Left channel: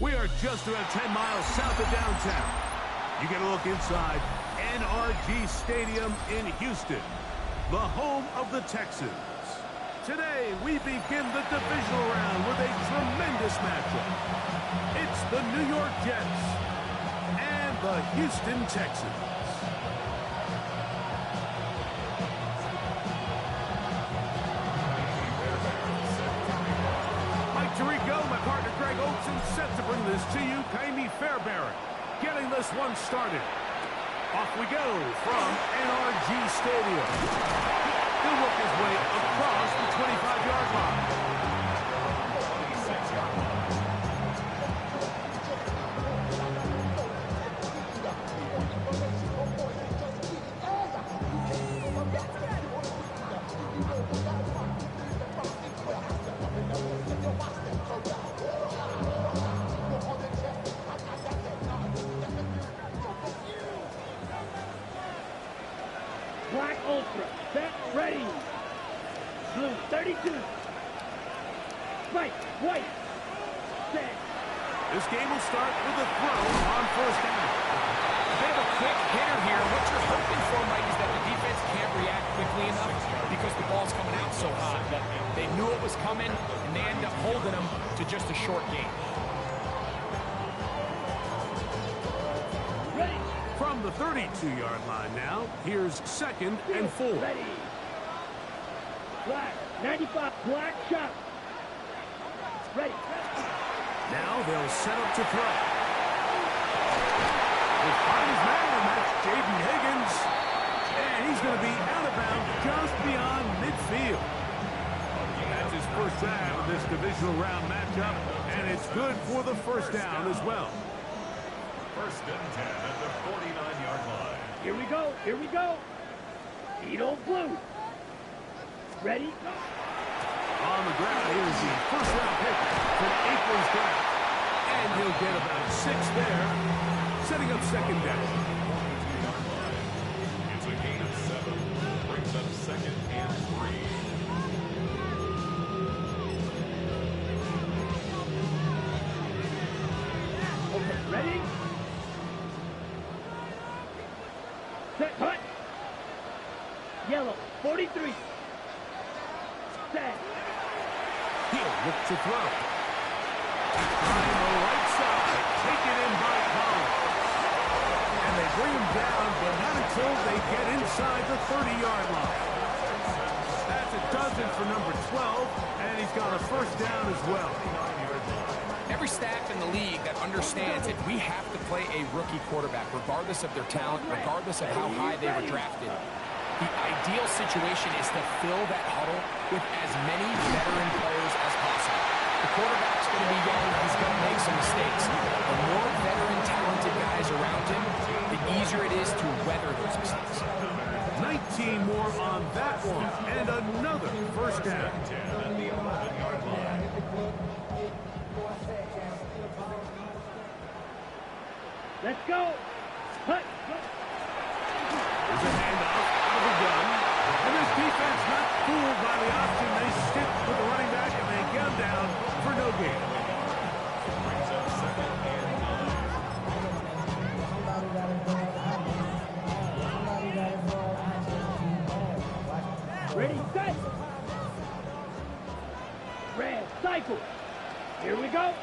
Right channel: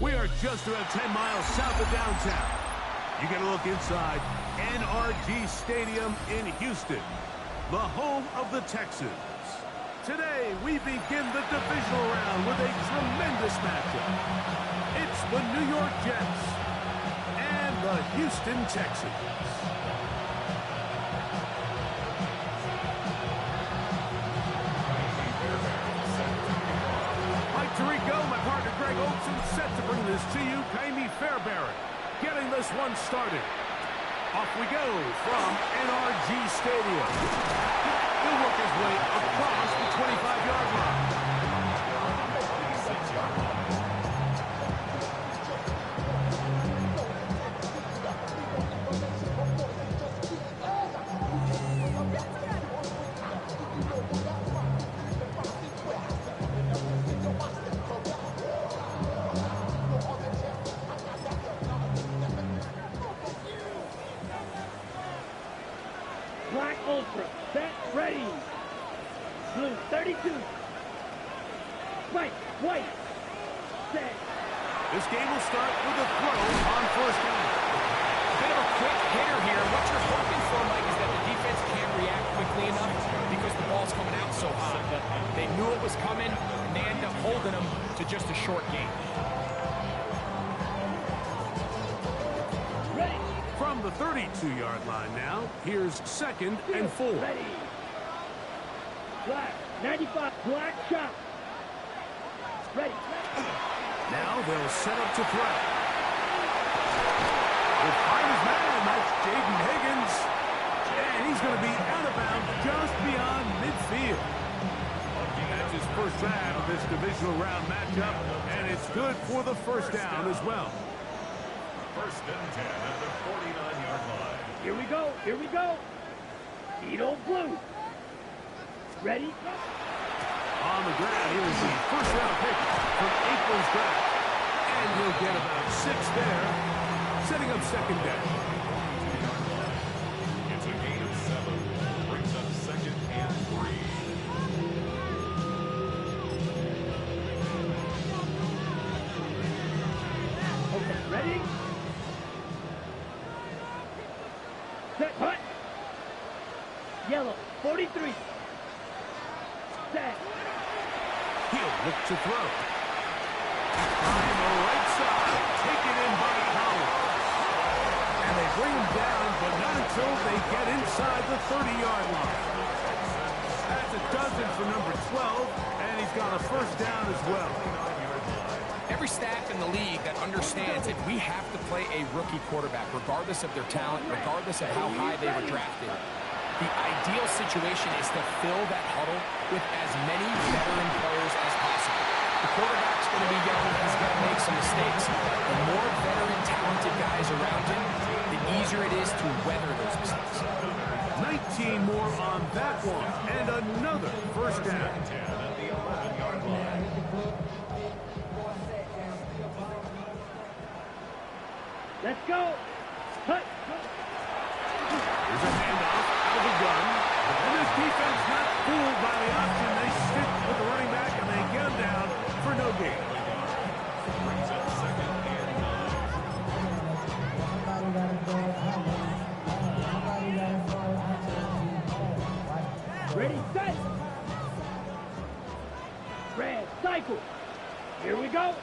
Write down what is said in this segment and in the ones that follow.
We are just about 10 miles south of downtown. You get a look inside NRG Stadium in Houston, the home of the Texans. Today, we begin the divisional round with a tremendous matchup. It's the New York Jets and the Houston Texans. Mike Tirico, my partner Greg Olson, set to bring this to you. Kaimi Fairbairn getting this one started. Off we go from NRG Stadium. He'll work his way across the 25-yard line. Black Ultra, set, ready. Blue, 32. White, set. This game will start with a throw on first down. A bit of a quick hitter here. What you're hoping for, Mike, is that the defense can't react quickly enough because the ball's coming out so hot. They knew it was coming, and they end up holding them to just a short game. Ready. From the 32-yard line now, here's 2nd and 4. Ready. Black, 95, black shot. Ready. Now they'll set up to throw. He'll find his man, and that's Jaden Higgins. And he's going to be out of bounds just beyond midfield. That's his first drive of this divisional round matchup, and it's good for the first down as well. 1st and 10 at the 49-yard line. Here we go. Edo Blue. Ready, go. On the ground, here's the first-round pick from April's draft. And he'll get about 6 there, setting up 2nd down. It's a gain of 7. Brings up 2nd and 3. Okay, ready? Set, hut. Yellow, 43. Set. He'll look to throw. On the right side, taken in by Collins. And they bring him down, but not until they get inside the 30-yard line. That's a dozen for number 12, and he's got a first down as well. Every staff in the league that understands that we have to play a rookie quarterback, regardless of their talent, regardless of how high they were drafted. The ideal situation is to fill that huddle with as many veteran players as possible. The quarterback's going to be young. He's going to make some mistakes. The more veteran, talented guys around him, the easier it is to weather those mistakes. 19 more on that one, and another first down. Let's go. Hut. Here's a handoff out of the gun. And this defense not fooled by the option. They stick with the running back, and they get him down for no gain. Brings up 2nd and 9. Ready, set. Red, cycle. Here we go.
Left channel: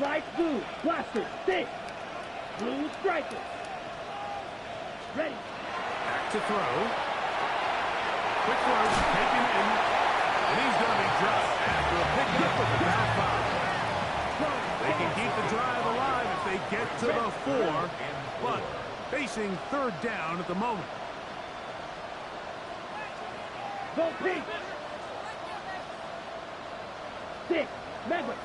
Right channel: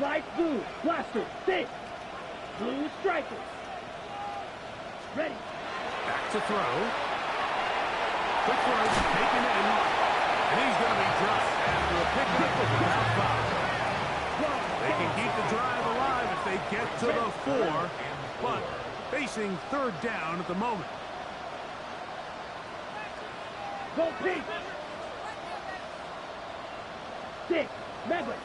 Light blue, blaster, 6. Blue striker. Ready. Back to throw. Quick throw, taken in. And he's going to be dropped after a pickup of about 5. They can keep the drive alive if they get to the 4, but facing 3rd down at the moment. Go pink. 6. Medwick.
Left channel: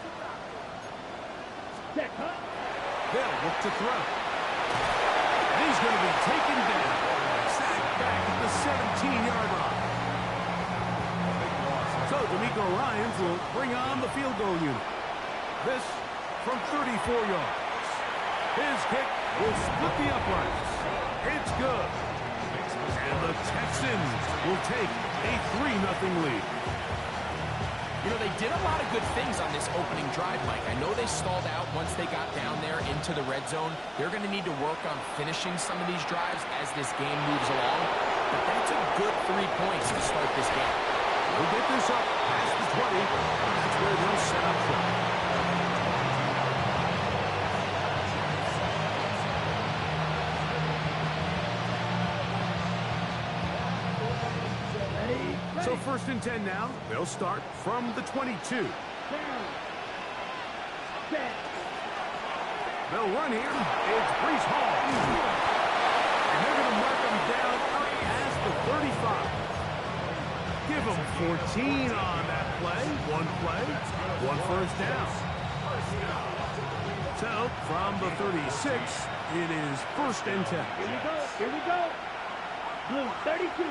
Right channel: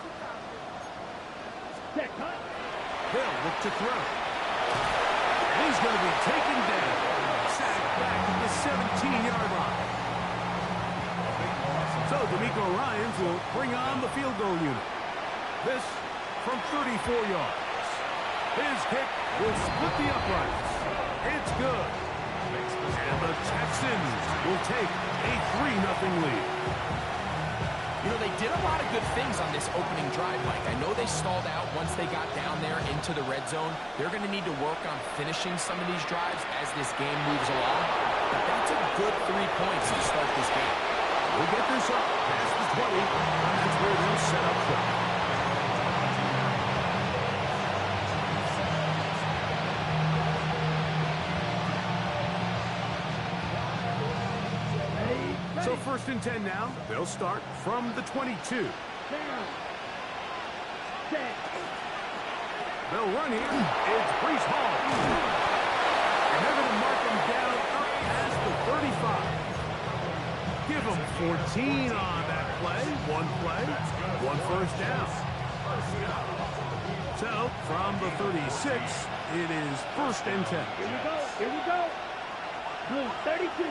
Set, hut. They'll look to throw. And he's going to be taken down. Sacked back at the 17-yard line. So D'Amico Ryans will bring on the field goal unit. This from 34 yards. His kick will split the uprights. It's good. And the Texans will take a 3-0 lead. You know, they did a lot of good things on this opening drive, Mike. I know they stalled out once they got down there into the red zone. They're going to need to work on finishing some of these drives as this game moves along. But that's a good 3 points to start this game. We'll get this up past the 20. That's where they'll set up shop. So 1st and 10 now. They'll start from the 22. Down. Set. They'll run here. It's Brees Hall. And they're going to mark him down up past the 35. Give him 14 on that play. One play, one first down. So, from the 36, it is 1st and 10. Here we go. Here we go. Blue 32.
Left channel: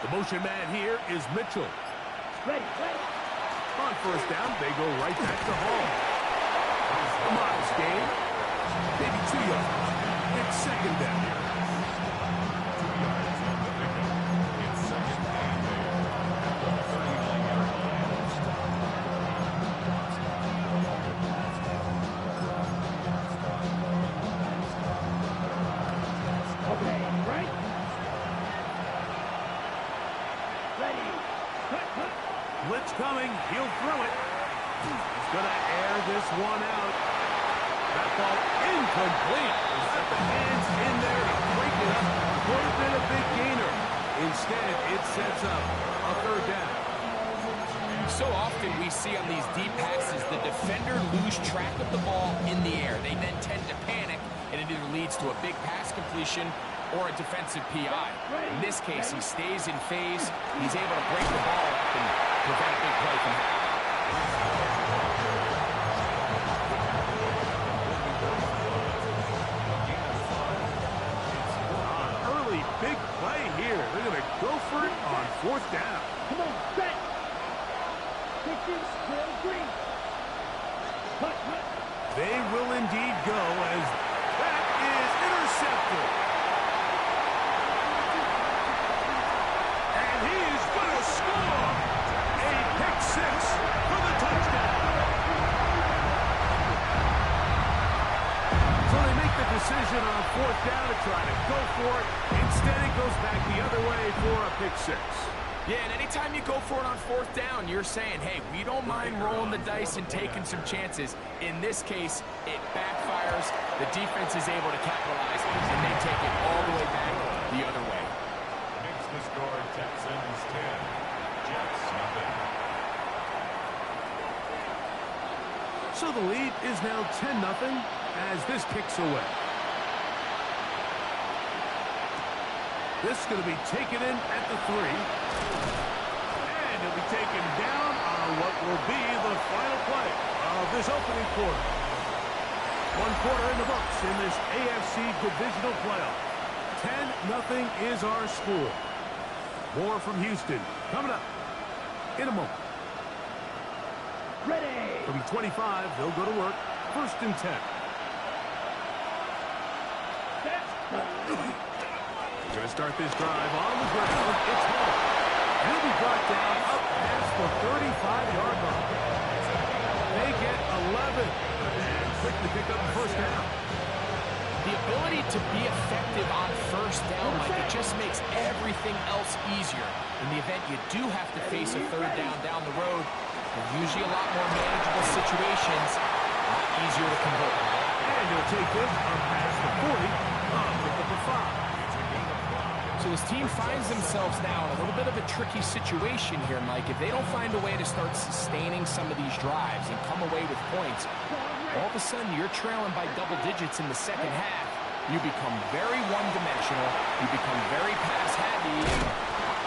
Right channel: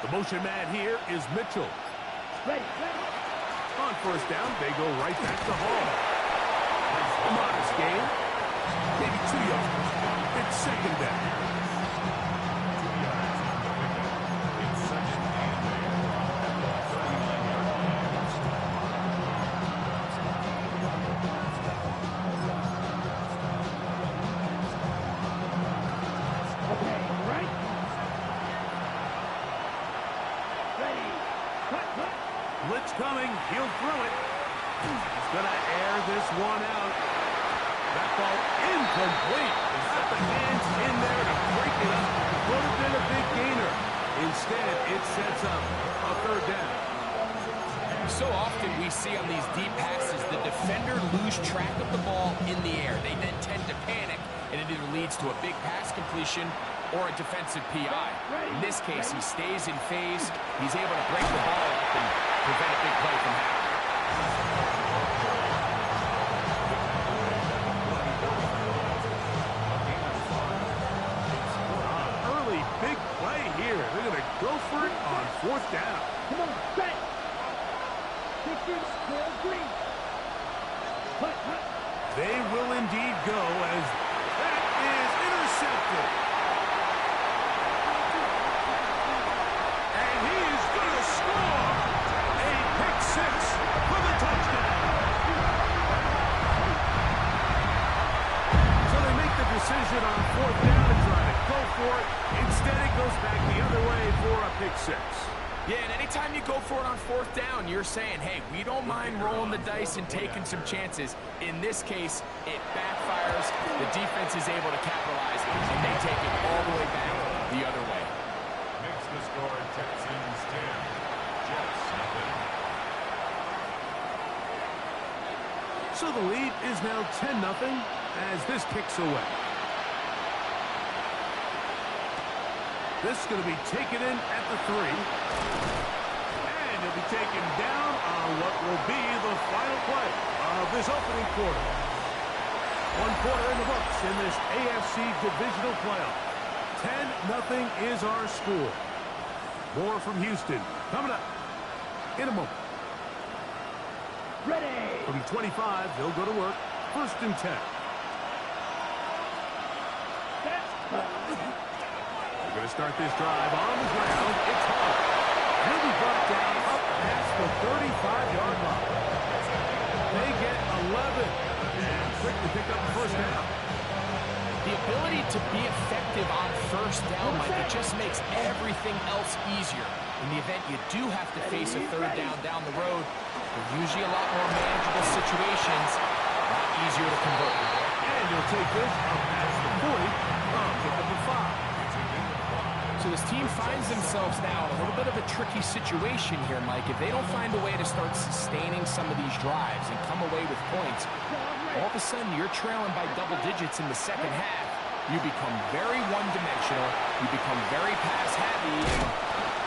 The motion man here is Mitchell. Ready, ready. On 1st down, they go right back to Hall. A modest gain. Maybe 2 yards. It's 2nd down. 2 yards on the pickup. It's 2nd and 8 at the 39-yard line. Okay, right. Ready. Cut, cut. Blitz coming. He'll throw it. He's going to air this one out. That ball incomplete. Got the hands in there to break it up. Would have been a big gainer. Instead, it sets up a 3rd down. So often we see on these deep passes, the defender lose track of the ball in the air. They then tend to panic, and it either leads to a big pass completion or a defensive PI. In this case, he stays in phase. He's able to break the ball up and prevent a big play from happening. Early big play here. They're going to go for it on 4th down. Come on, set. Pitches, still green. Cut, cut. They will indeed go as that is intercepted. And he is going to score. A pick 6 for the touchdown. So they make the decision on 4th down to try to go for it. Instead, it goes back the other way for a pick 6. Yeah, and anytime you go for it on 4th down, you're saying, hey, we don't mind rolling the dice and taking some chances. In this case, it backfires. The defense is able to capitalize, and they take it all the way back the other way. Makes the score Texans 10. Jets nothing. So the lead is now 10-0 as this kicks away. This is going to be taken in at the 3. And he'll be taken down on what will be the final play of this opening quarter. 1 quarter in the books in this AFC divisional playoff. 10-0 is our score. More from Houston coming up in a moment. Ready. From 25, they'll go to work. 1st and 10. Set. We're going to start this drive on the ground. It's Hall. He'll be brought down up past the 35-yard line. They get 11. And quick to pick up the 1st down. The ability to be effective on 1st down, Mike, it just makes everything else easier. In the event you do have to face a 3rd down the road, they're usually a lot more manageable situations, a lot easier to convert. And he'll take this up past the 40. Pick up a 5. So this team finds themselves now in a little bit of a tricky situation here, Mike. If they don't find a way to start sustaining some of these drives and come away with points, all of a sudden you're trailing by double digits in the 2nd half. You become very one-dimensional. You become very pass-happy, and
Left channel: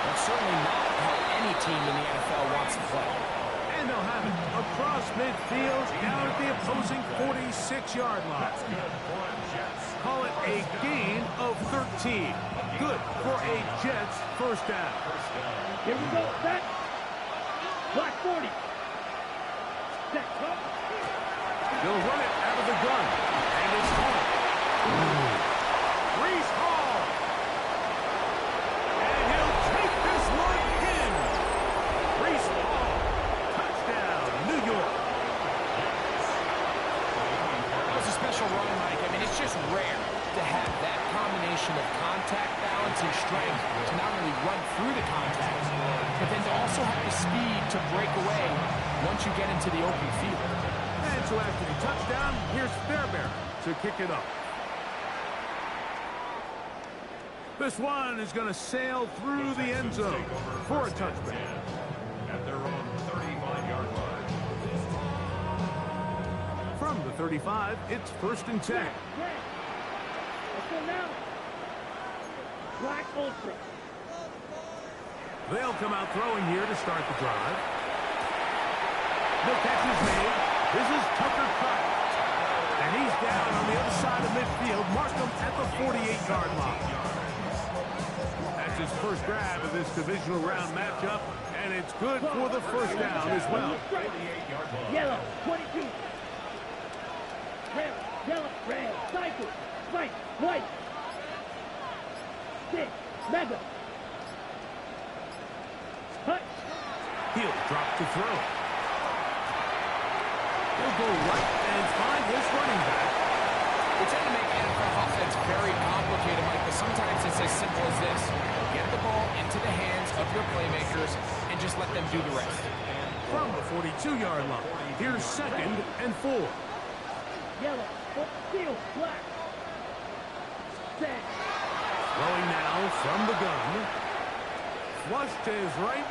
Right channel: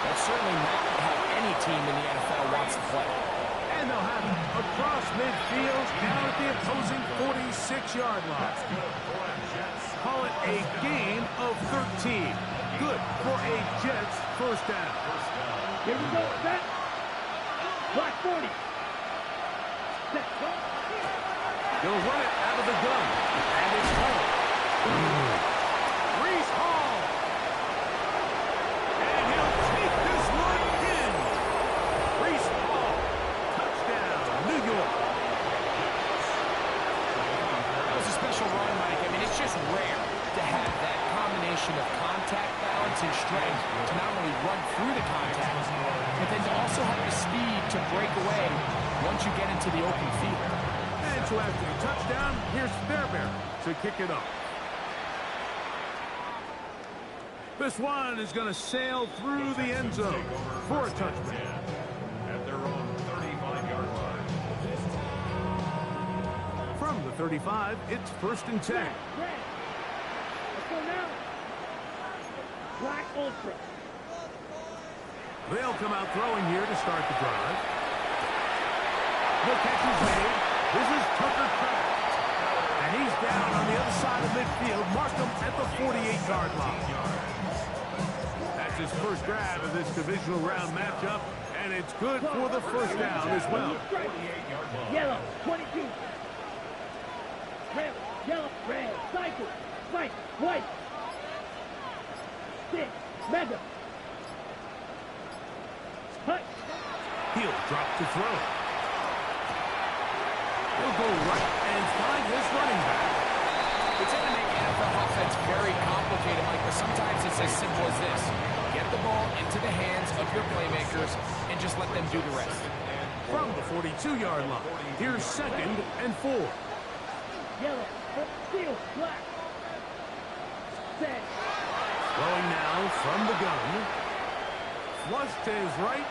that's certainly not how any team in the NFL wants to play. And they'll have it across midfield, down at the opposing 46-yard line. That's good for a Jets. Call it a gain of 13. Good for a Jets 1st down. Here we go. Set. Black 40. Set. Go. They'll run it out of the gun. And it's Hall. Brees Hall. And he'll take this one in. It's just rare to have that combination of contact balance and strength to not only run through the contact, but then to also have the speed to break away once you get into the open field. And so after the touchdown, here's Fairbairn to kick it up. This one is going to sail through the end zone for a touchback. At their own 35-yard line. From the 35, it's 1st and 10. Red. Let's go now. Black Ultra. They'll come out throwing here to start the drive. No catches made. This is Tucker Kraft. And he's down on the other side of midfield. Mark him at the 48-yard line. That's his first grab of this divisional round matchup, and it's good for the first down as well. Yellow, 22. Red, yellow, red, cycle, white, white. 6, mega. Hut. He'll drop to throw. He'll go right and find his running back. We tend to make NFL offense very complicated, Mike, but sometimes it's as simple as this. Get the ball into the hands of your playmakers and just let them do the rest. From the 42-yard line, here's 2nd and 4. Yellow, steel, black. Set. Throwing now from the gun. Flush to his right.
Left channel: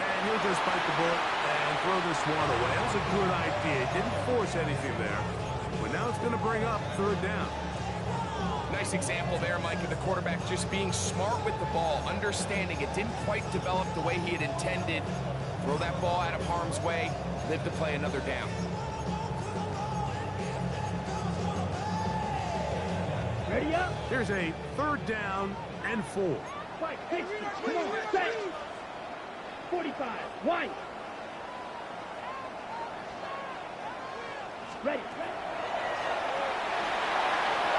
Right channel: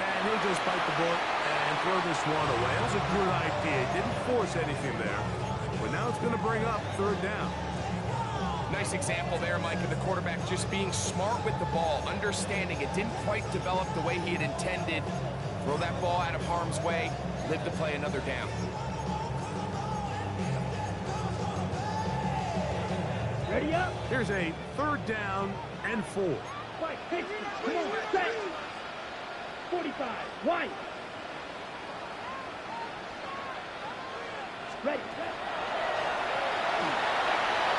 And he'll just bite the bullet and throw this one away. That was a good idea. Didn't force anything there. But now it's going to bring up 3rd down. Nice example there, Mike, of the quarterback just being smart with the ball, understanding it didn't quite develop the way he had intended. Throw that ball out of harm's way, live to play another down. Ready up. Here's a 3rd down and 4. Fight, hey, come on, set. 45, white. Ready, ready.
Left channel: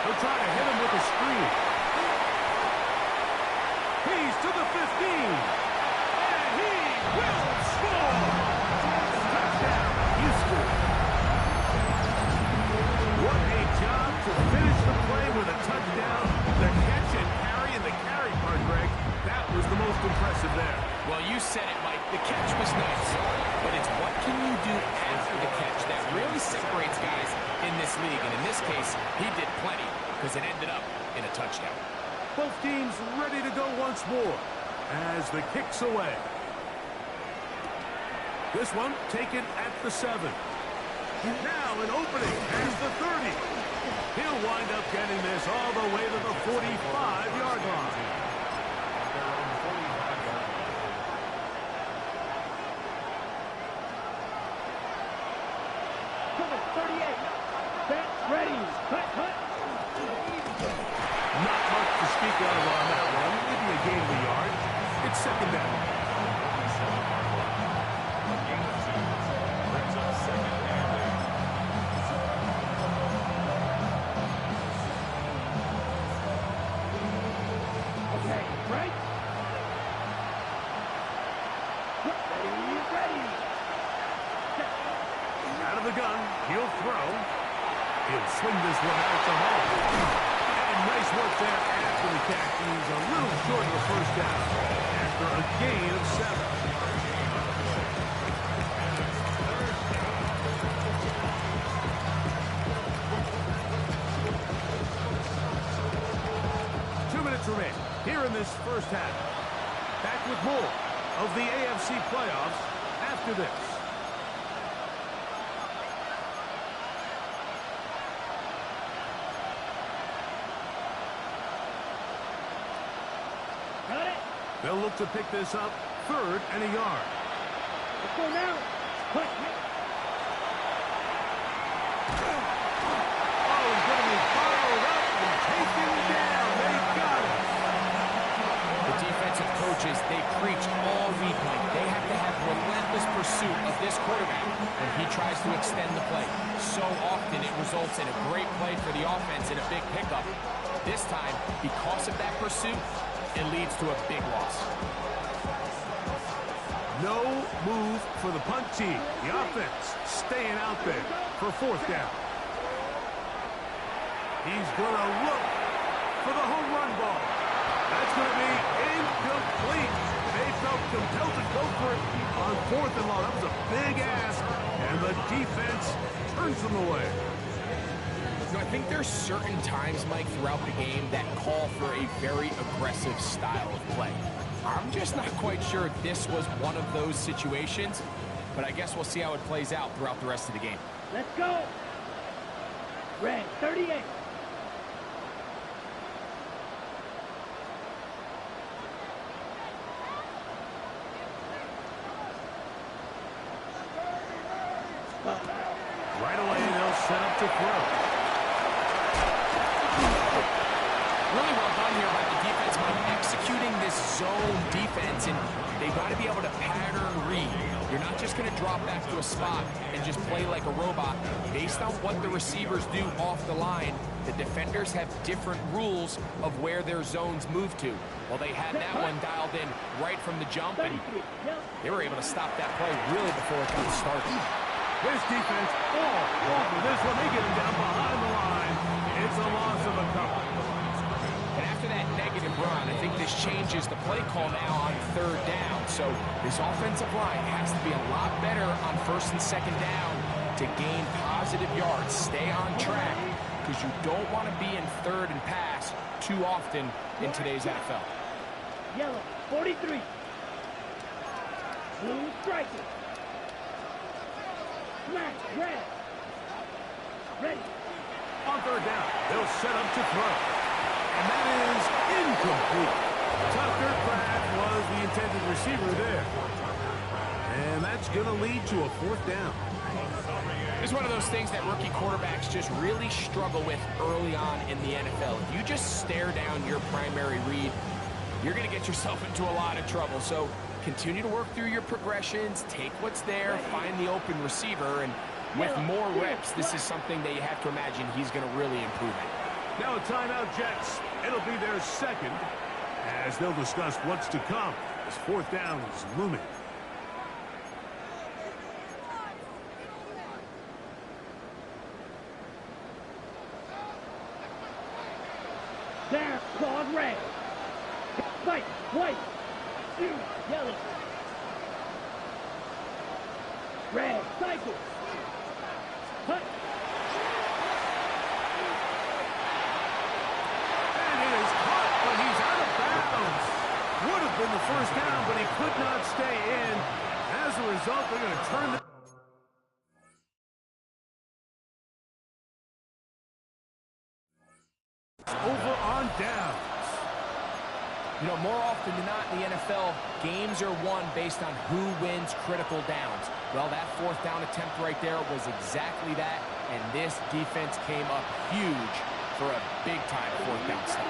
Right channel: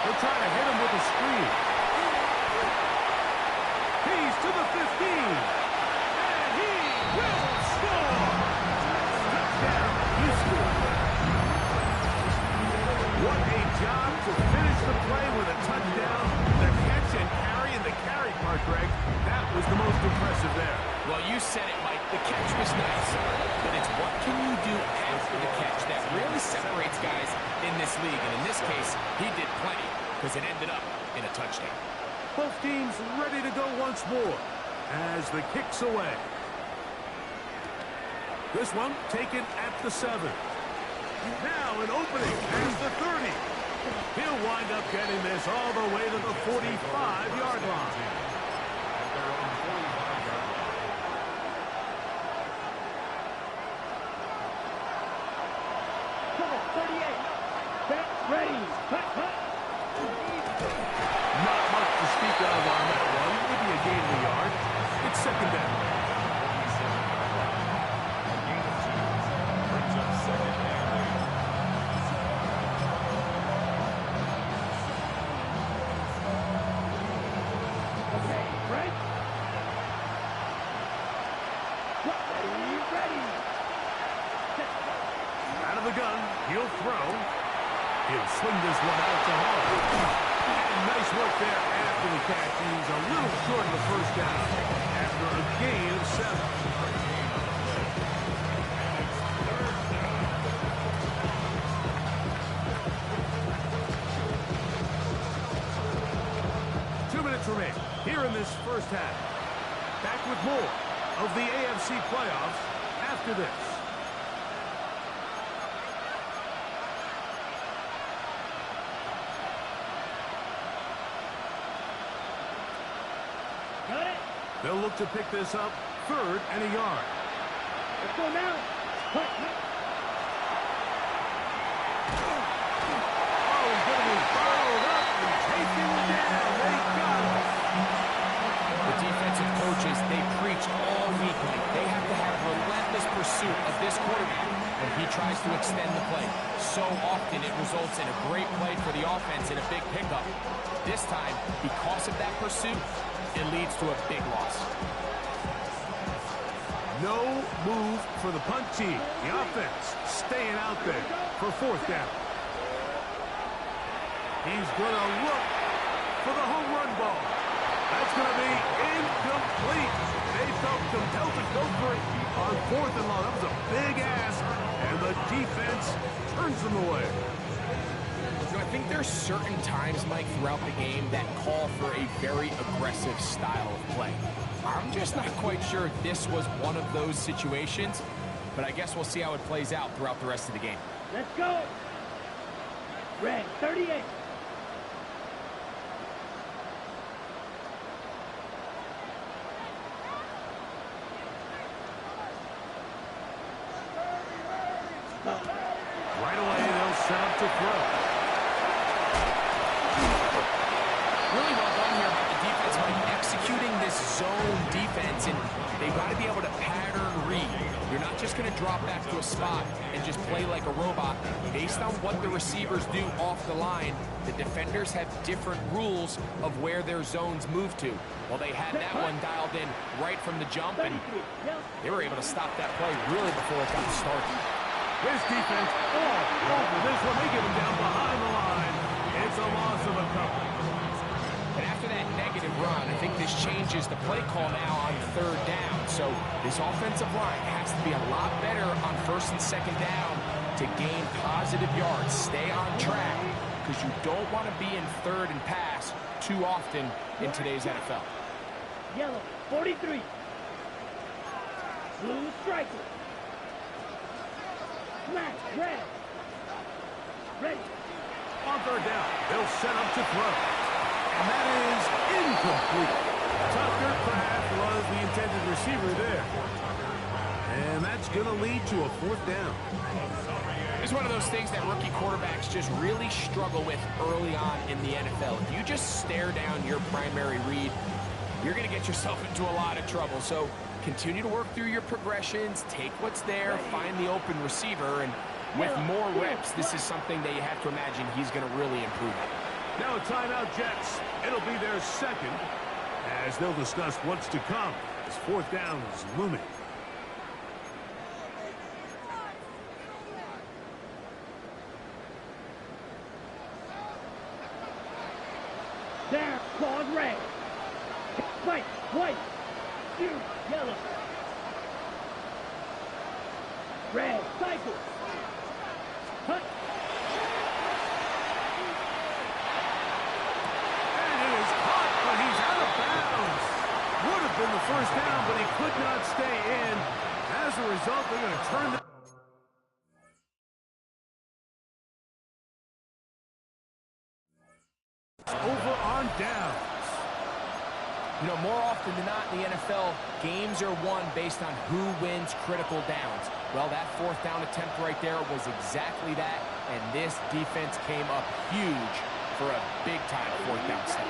He'll try to hit him with a screen. He's to the 15. And he will score. Touchdown, Houston. What a job to finish the play with a touchdown. The catch and carry, and the carry part, Greg, that was the most impressive there. Well, you said it, Mike. The catch was nice, but it's what can you do after the catch that really separates guys in this league. And in this case, he did plenty because it ended up in a touchdown. Both teams ready to go once more as the kick's away. This one taken at the 7. Now an opening as the 30. He'll wind up getting this all the way to the 45-yard line. At their own 45-yard line. Come on, 38. Set, ready. Cut, cut. Not much to speak of on that one. Maybe a gain of a yard. It's 2nd down. 47-yard line. A gain of 2 brings up 2nd and 8. Okay, right. Ready, ready. Set. Out of the gun. He'll throw. He'll swing this one out to Hall. And nice work there after the catch. He's a little short of the first down after a gain of 7. 2 minutes remain here in this first half. Back with more of the AFC playoffs after this. Got it. They'll look to pick this up 3rd and a yard. Let's go now. Cut, cut. Oh, he's going to be followed up and taken down. They got it. The defensive coaches, they preached all week, Mike. They have to have relentless pursuit of this quarterback when he tries to extend the play. So often it results in a great play for the offense and a big pickup. This time, because of that pursuit, it leads to a big loss. No move for the punt team. The offense staying out there for 4th down. He's going to look for the home run ball. That's going to be incomplete. They felt compelled to go for it on 4th and long. That was a big ask, and the defense turns them away. You know, I think there's certain times, Mike, throughout the game that call for a very aggressive style of play. I'm just not quite sure if this was one of those situations, but I guess we'll see how it plays out throughout the rest of the game. Let's go. Red, 38. Right away, they'll set up to throw. Really well done here by the defense, Mike, executing this zone defense, and they've got to be able to pattern read. You're not just going to drop back to a spot and just play like a robot. Based on what the receivers do off the line, the defenders have different rules of where their zones move to. Well, they had that one dialed in right from the jump, and they were able to stop that play really before it got started. This defense all over this one. They get him down behind the line. It's a loss of a couple. And after that negative run, I think this changes the play call now on 3rd down. So this offensive line has to be a lot better on 1st and 2nd down to gain positive yards. Stay on track, because you don't want to be in 3rd and pass too often in today's NFL. Yellow, 43. Blue striker. Black, red. Ready. On 3rd down, they'll set up to throw. And that is incomplete. Tucker Kraft was the intended receiver there. And that's going to lead to a 4th down. It's one of those things that rookie quarterbacks just really struggle with early on in the NFL. If you just stare down your primary read, you're going to get yourself into a lot of trouble. So continue to work through your progressions, take what's there, find the open receiver, and with more reps, this is something that you have to imagine he's going to really improve at. Now a timeout, Jets. It'll be their 2nd as they'll discuss what's to come as 4th down is looming. There, claws red. Fight, white. Shoot, yellow. Red, cycle. Hut. And it is caught, but he's out of bounds. Would have been the 1st down, but he could not stay in. As a result, they're going to turn the over on downs. You know, more often than not in the NFL, games are won based on who wins critical downs. Well, that 4th down attempt right there was exactly that, and this defense came up huge for a big-time 4th down stop.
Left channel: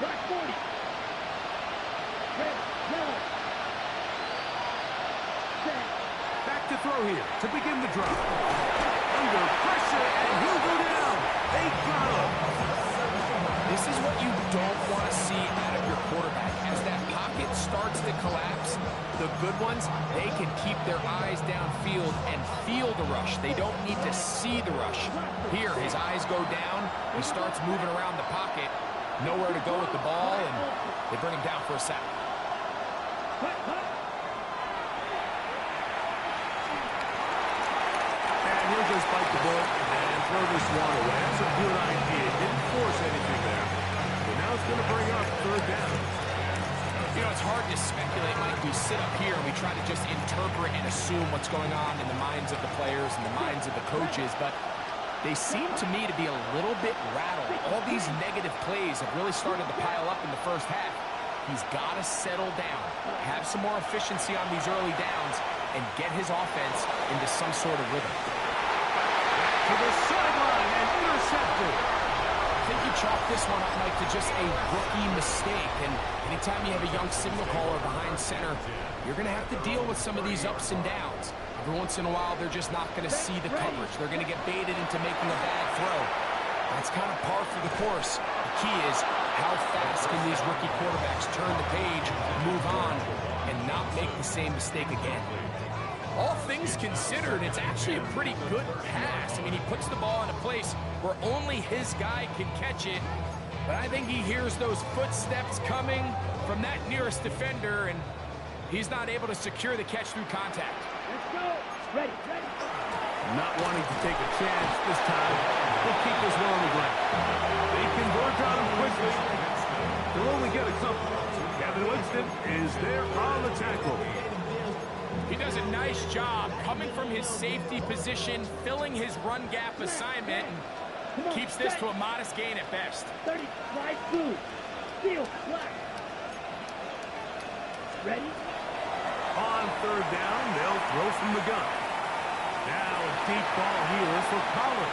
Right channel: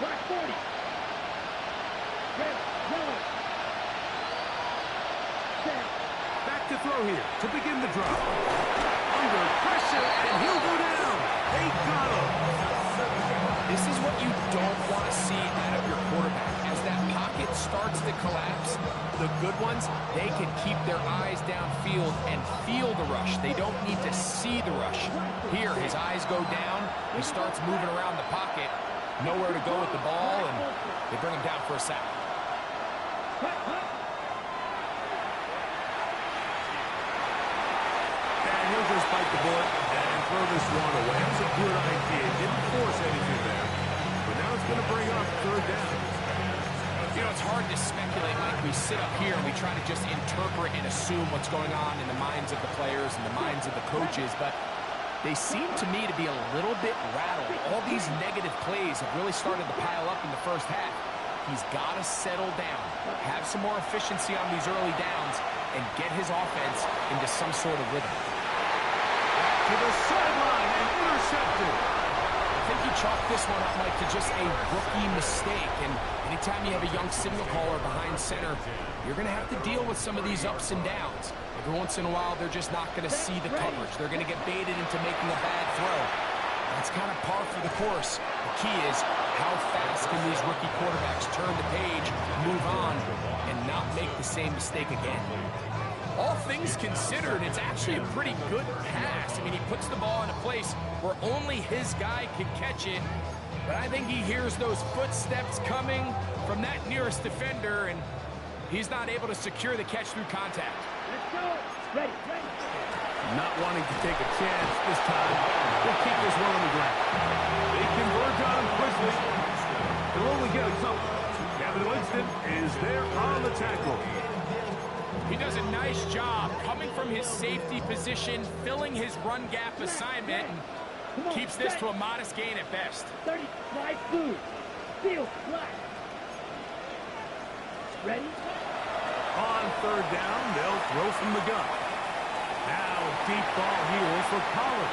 Black 40. Red, yellow. Set. Back to throw here to begin the drop. Under pressure, and he'll go down. They got him. This is what you don't want to see out of your quarterback. As that pocket starts to collapse, the good ones, they can keep their eyes downfield and feel the rush. They don't need to see the rush. Here, his eyes go down. He starts moving around the pocket. Nowhere to go with the ball, and they bring him down for a sack. And he'll just bite the bullet and throw this one away. That's a good idea. Didn't force anything there. But now it's going to bring up 3rd down. You know, it's hard to speculate, Mike. We sit up here and we try to just interpret and assume what's going on in the minds of the players and the minds of the coaches, but they seem to me to be a little bit rattled. All these negative plays have really started to pile up in the 1st half. He's got to settle down, have some more efficiency on these early downs, and get his offense into some sort of rhythm. Back to the sideline and intercepted. I think you chalk this one up, Mike, to just a rookie mistake. And anytime you have a young signal caller behind center, you're going to have to deal with some of these ups and downs. Every once in a while, they're just not going to see the coverage. They're going to get baited into making a bad throw. That's kind of par for the course. The key is how fast can these rookie quarterbacks turn the page, move on, and not make the same mistake again. all things considered, it's actually a pretty good pass. I mean, he puts the ball in a place where only his guy can catch it. But I think he hears those footsteps coming from that nearest defender, and he's not able to secure the catch through contact. Let's go. Ready, ready. Not wanting to take a chance this time. He'll keep this one on the ground. They converge on him quickly. He'll only get a couple. Kevin Winston is there on the tackle. He does a nice job coming from his safety position, filling his run gap assignment, and keeps this to a modest gain at best. 30, right blue. Field, black. Ready? On third down, they'll throw from the gun. Now a deep ball here for Collins.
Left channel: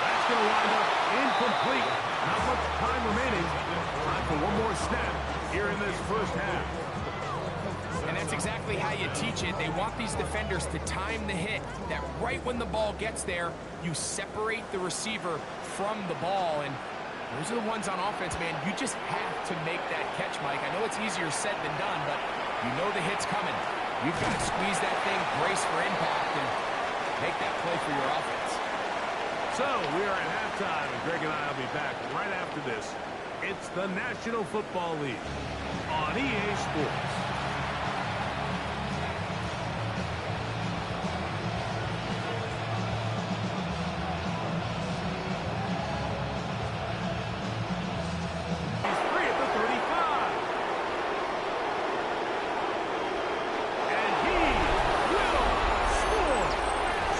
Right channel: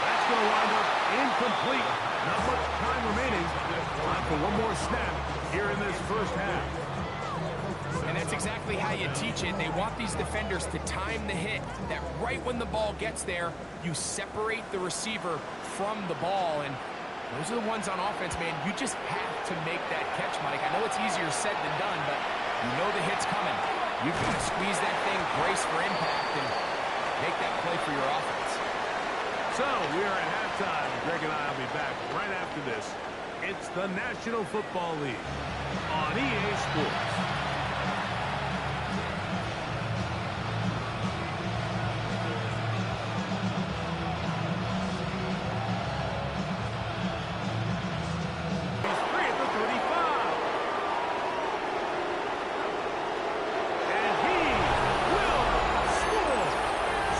That's going to wind up incomplete. Not much time remaining. Time for one more snap here in this first half. And that's exactly how you teach it. They want these defenders to time the hit, that right when the ball gets there, you separate the receiver from the ball. And those are the ones on offense, man. You just have to make that catch, Mike. I know it's easier said than done, but you know the hit's coming. You've got to squeeze that thing, brace for impact, and make that play for your offense. So we are at halftime, and Greg and I will be back right after this. It's the National Football League on EA Sports. He's free at the 35. And he will score.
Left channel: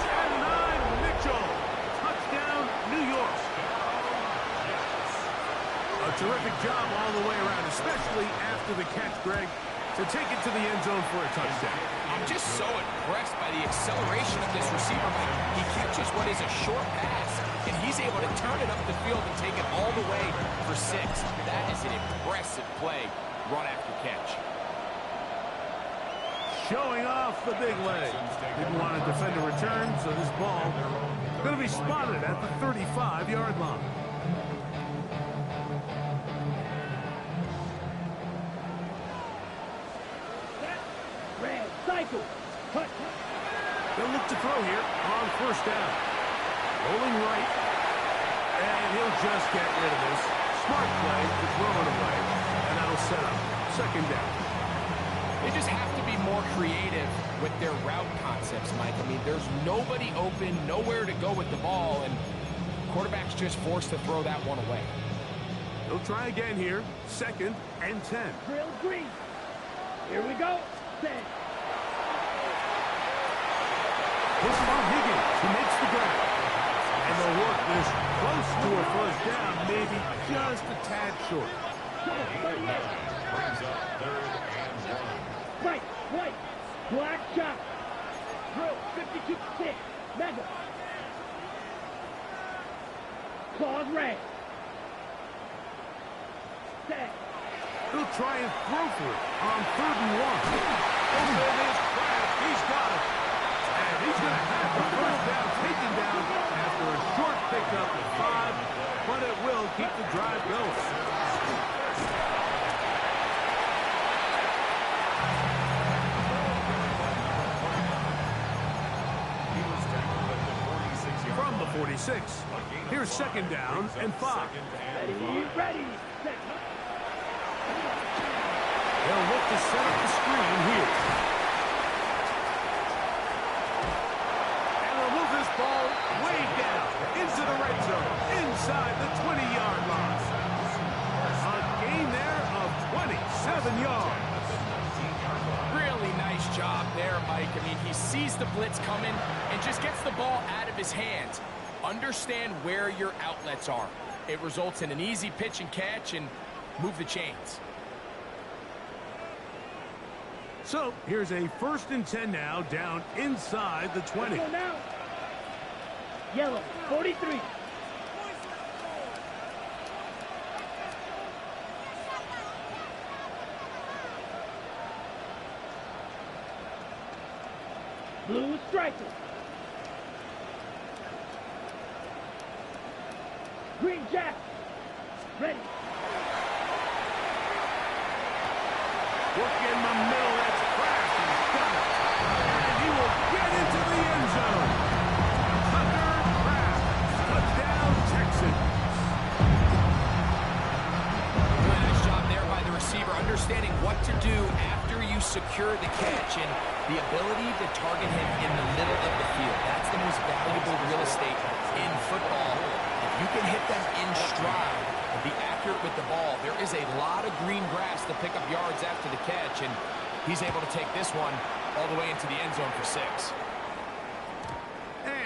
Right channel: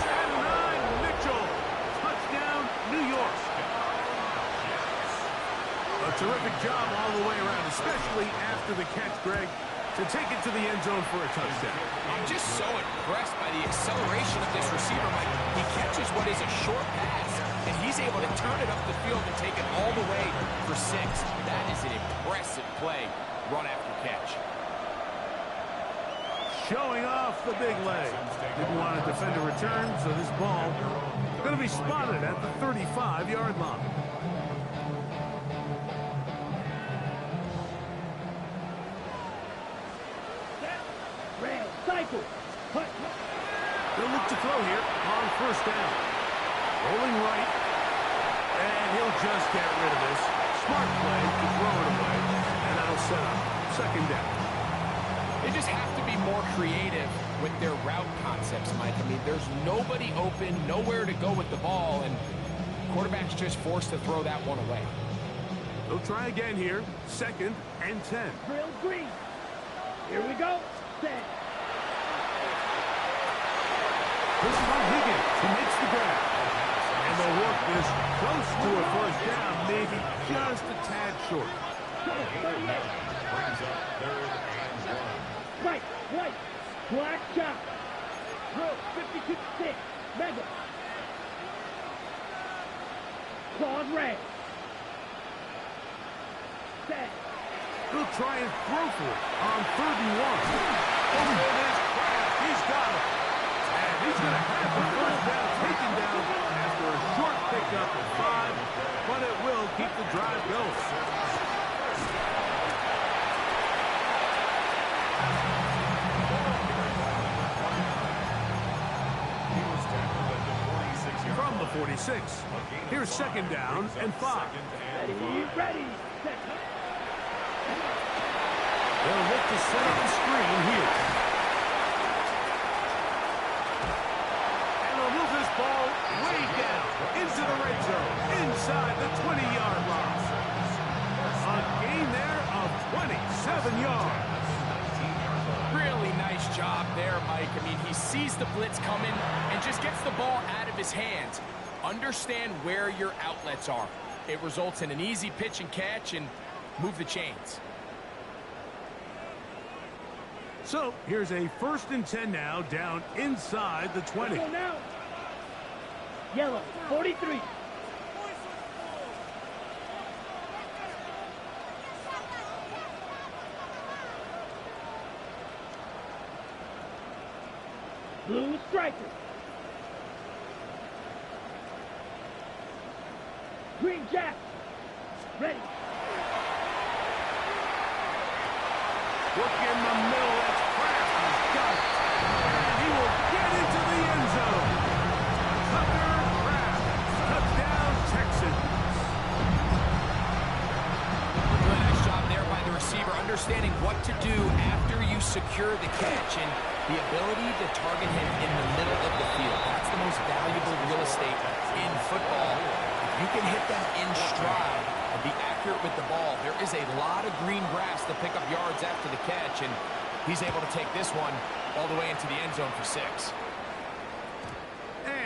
And 9, Mitchell. Touchdown, New York. A terrific job all the way around, especially after the catch, Greg, to take it to the end zone for a touchdown. I'm just so impressed by the acceleration of this receiver, Mike. He catches what is a short pass, and he's able to turn it up the field and take it all the way for 6. That is an impressive play, run after catch. Showing off the big leg. Didn't want to defend a return, so this ball going to be spotted at the 35-yard line. Red, cycle. Hut, hut. They'll look to throw here on first down. Rolling right. And he'll just get rid of this. Smart play to throw it away. And that'll set up second down. They just have to be more creative with their route concepts, Mike. I mean, there's nobody open, nowhere to go with the ball, and quarterback's just forced to throw that one away. They'll try again here. 2nd and 10. Drill green. Here we go. Set. This is on Higgins, who makes the grab. And they'll work this close to a first down, maybe just a tad short. Brings up 3rd and 1. Right, white, black shot. Drill 52-6. Mega. Claws red. Set. He'll try and throw for it on 3rd and 1. Open is Kraft. He's got it. And he's going to have the first down taken down after a short pickup at 5, but it will keep the drive going. He was tackled at the 46-yard From the 46, here's 2nd down and 5. Ready, ready. Set. They'll look to set up the screen here. And they'll move this ball way down into the red zone, inside the 20-yard line. A gain there of 27 yards. Really nice job there, Mike. I mean, he sees the blitz coming and just gets the ball out of his hands. Understand where your outlets are. It results in an easy pitch and catch and move the chains. So here's a 1st and 10 now, down inside the 20. Go now. Yellow 43. Blue striker. Green jack. Ready. Work in the middle, that's Kraft. He's got it. And he will secure the catch and the ability to target him in the middle of the field. That's the most valuable real estate in football. If you can hit them in stride and be accurate with the ball, there is a lot of green grass to pick up yards after the catch, and he's able to take this one all the way into the end zone for 6.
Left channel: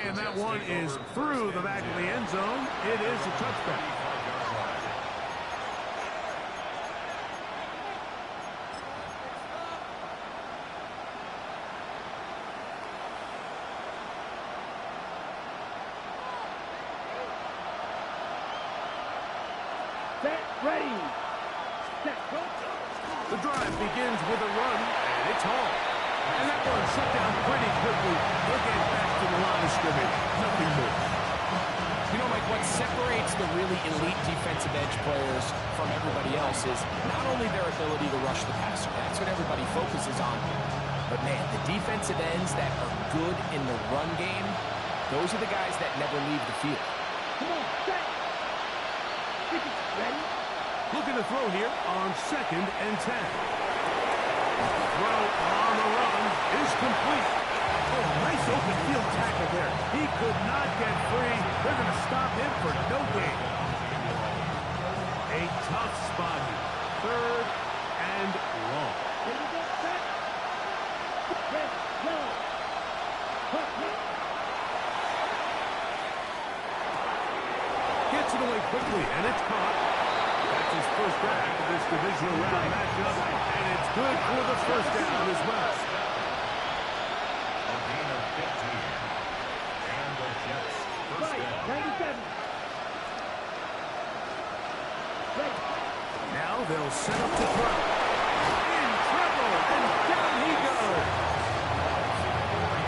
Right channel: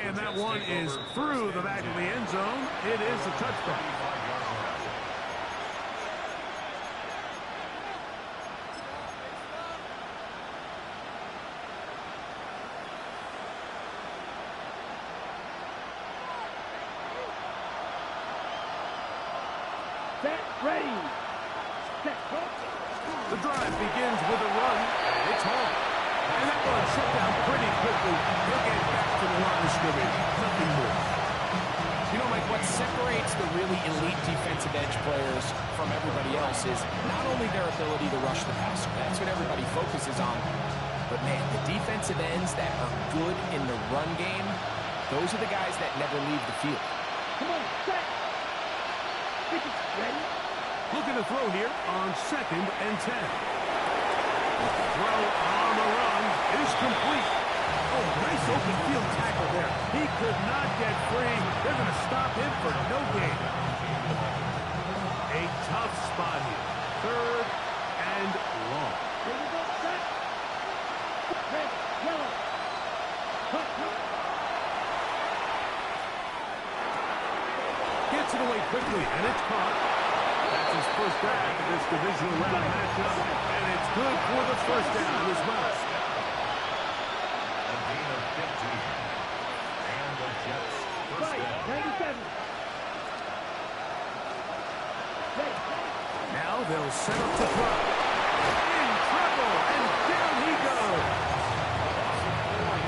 And that one is through the back of the end zone. It is a touchback. Set, ready. Set, go. The drive begins with a run, and it's Hall. And that one shut down pretty quickly. He'll get back to the line of scrimmage. Nothing more. You know, Mike, what separates the really elite defensive edge players from everybody else is not only their ability to rush the passer. That's what everybody focuses on. But, man, the defensive ends that are good in the run game, those are the guys that never leave the field. Come on, set. Ready. Looking to throw here on 2nd and 10. Throw on the run is complete. Oh, nice open field tackle there. He could not get free. They're going to stop him for no gain. A tough spot here. 3rd and long. Here we go, set. Red, yellow. Cut, cut. Gets it away quickly, and it's caught. That's his first down of this divisional round matchup, and it's good for the first down as well. A gain of 15. And the Jets first down. 97. Ready. Now they'll set up to throw. In trouble, and down he goes.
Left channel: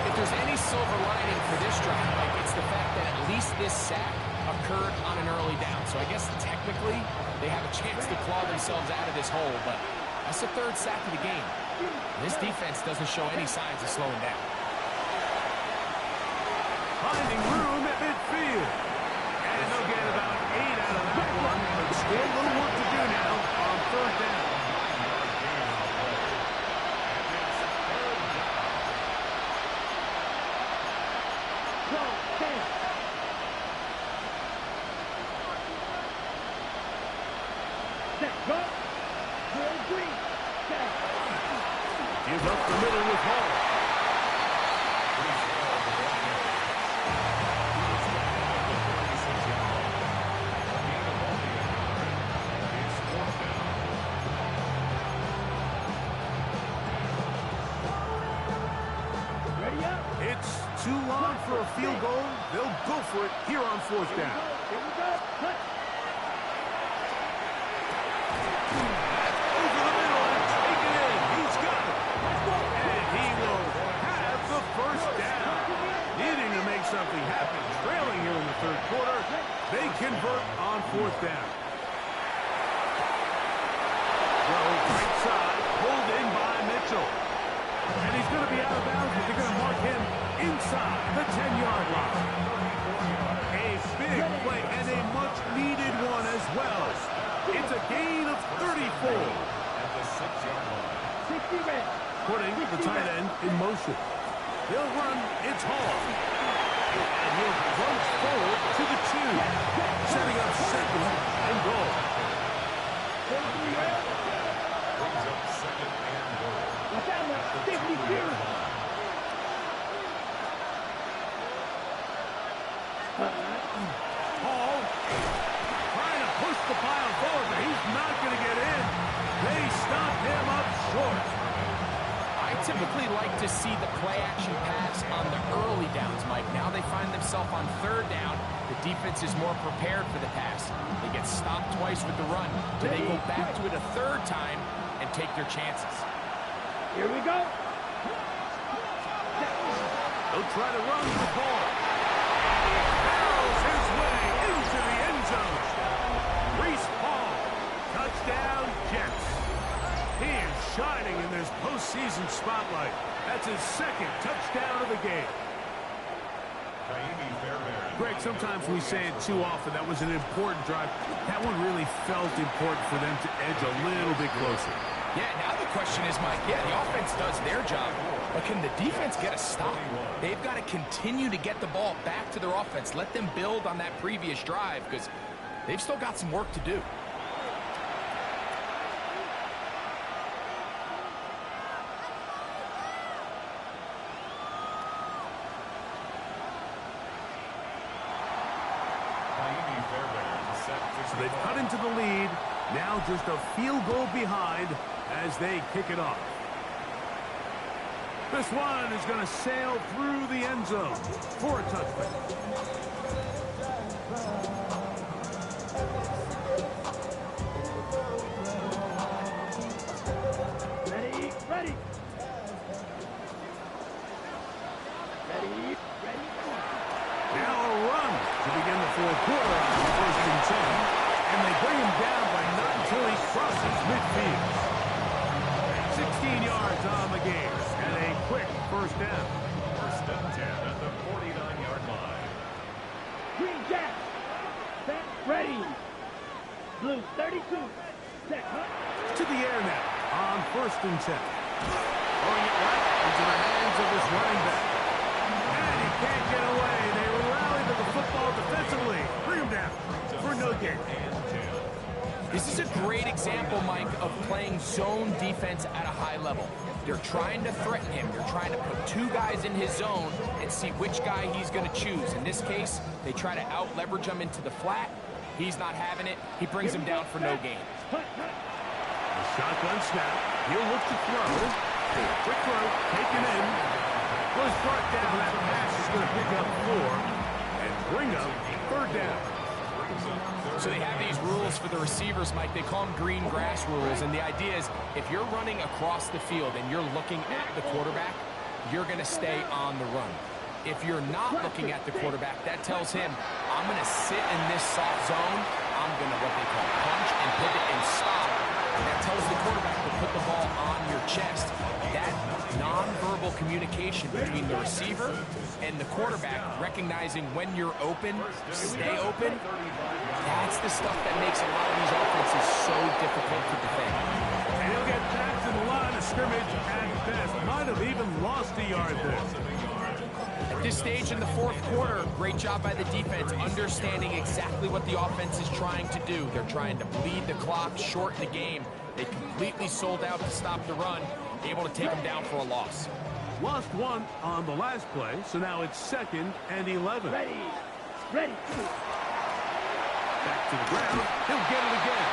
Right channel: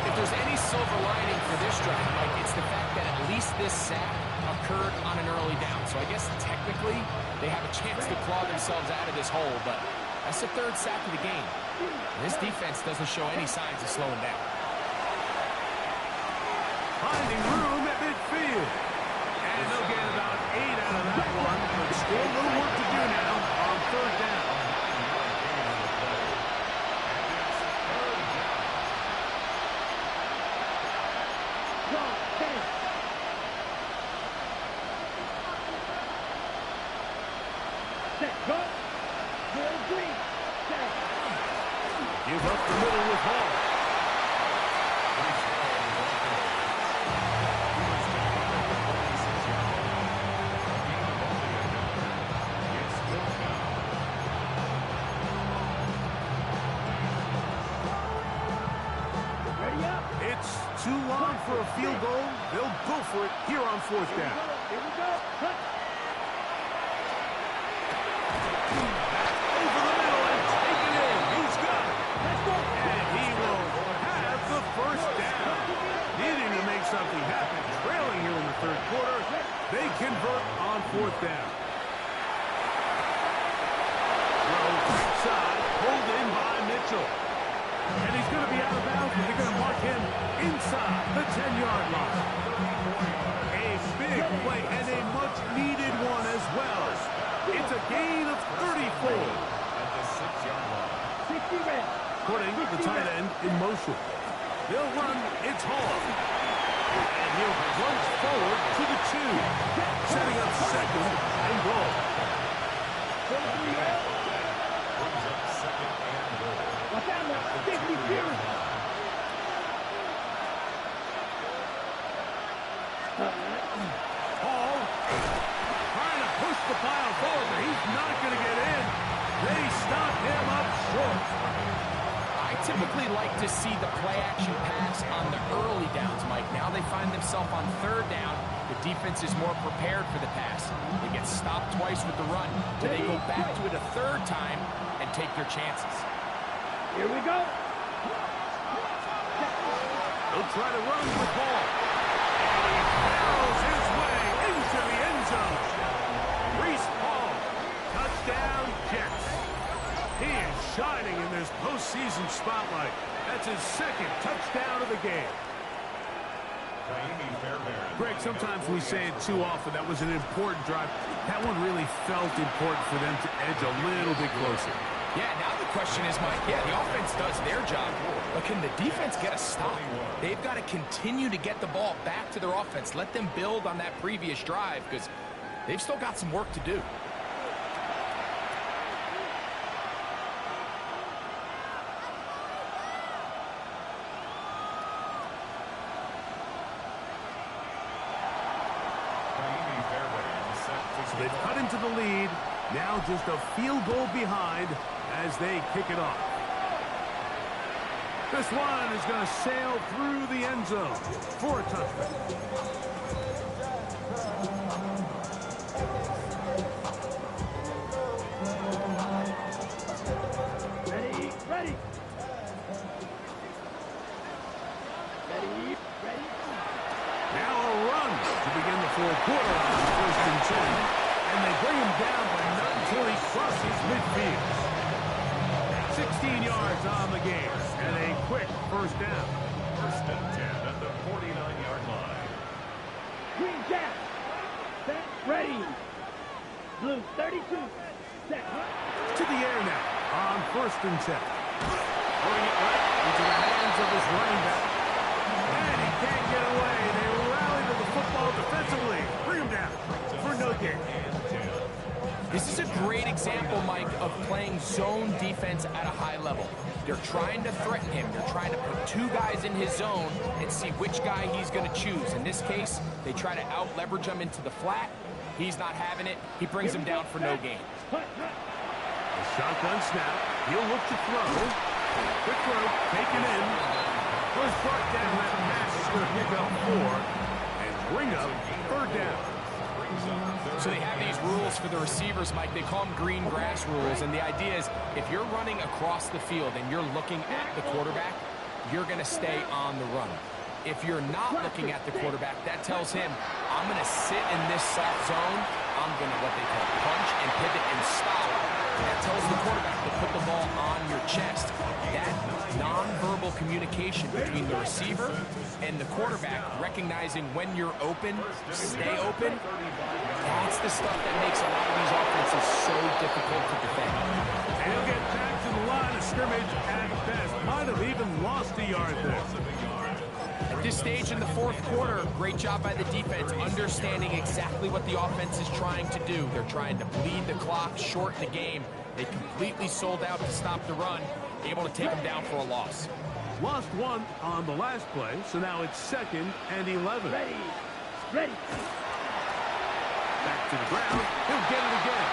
If there's any silver lining for this drive, Mike, it's the fact that at least this sack occurred on an early down. So I guess technically they have a chance to claw themselves out of this hole, but that's the 3rd sack of the game. This defense doesn't show any signs of slowing down. Finding room at midfield. And they'll get about 8 out of that one, but still a little work to do now on 3rd down. Go, 10. Set, go. Good green. Set. Give up the middle with Hall. Ready up. It's too long for a field goal. They'll go for it here on 4th down. Here we go. Cut. Back over the middle and take it in. He's got it. Let's go. And he will have the first down. Needing to make something happen. Trailing here in the 3rd quarter. They convert on 4th down. Throw right side. Pulled in by Mitchell. And he's going to be out of bounds, but they're going to mark him inside the 10-yard line. A big play and a much-needed one as well. It's a gain of 34. At the 6-yard line. 60 red. Putting the tight end in motion. They'll run. It's Hall. And he'll plunge forward to the 2. Setting up 2nd and goal. Brings up 2nd and goal. Watch out now. 50 Fury. Hall trying to push the pile forward, but he's not going to get in. They stop him up short. I typically like to see the play-action pass on the early downs, Mike. Now they find themselves on 3rd down. The defense is more prepared for the pass. They get stopped twice with the run. Do they go back to it a 3rd time and take their chances? Here we go. They'll try to run with ball. And he barrels his way into the end zone. Reese Hall, touchdown Jets. He is shining in this postseason spotlight. That's his 2nd touchdown of the game. Greg, sometimes we say it too often. That was an important drive. That one really felt important for them to edge a little bit closer. Yeah, now the question is, Mike, yeah, the offense does their job, but can the defense get a stop? They've got to continue to get the ball back to their offense. Let them build on that previous drive because they've still got some work to do. So they've cut into the lead. Now just a field goal behind as they kick it off. This one is going to sail through the end zone for a touchback. Ready, ready. Ready, ready. Now a run to begin the fourth quarter on 1st and 10. And they bring him down, but not until he crosses midfield. 16 yards on the game, and a quick first down. 1st and 10 at the 49-yard line. Green Jack. Set, ready. Blue 32. Set, hunt. To the air now on 1st and 10. Throwing it right into the hands of his running back. And he can't get away. They rally to the football defensively. Bring him down for no gain. This is a great example, Mike, of playing zone defense at a high level. They're trying to threaten him. They're trying to put two guys in his zone and see which guy he's going to choose. In this case, they try to out-leverage him into the flat. He's not having it. He brings him down for no gain. A shotgun snap. He'll look to throw. Quick throw, taken in. Was brought down. That pass is going to pick up 4 and bring up 3rd down. So they have these rules for the receivers, Mike. They call them green grass rules. And the idea is if you're running across the field and you're looking at the quarterback, you're going to stay on the run. If you're not looking at the quarterback, that tells him, I'm going to sit in this soft zone. I'm going to what they call punch and pivot and stop. That tells the quarterback to put the ball on your chest. That nonverbal communication between the receiver and the quarterback, recognizing when you're open, stay open, that's the stuff that makes a lot of these offenses so difficult to defend. And he'll get back to the line of scrimmage at best. Might have even lost a yard there. At this stage in the fourth quarter, great job by the defense, understanding exactly what the offense is trying to do. They're trying to bleed the clock, shorten the game. They completely sold out to stop the run, able to take them down for a loss. Lost 1 on the last play, so now it's 2nd and 11. Ready, ready. Back to the ground. He'll get it again.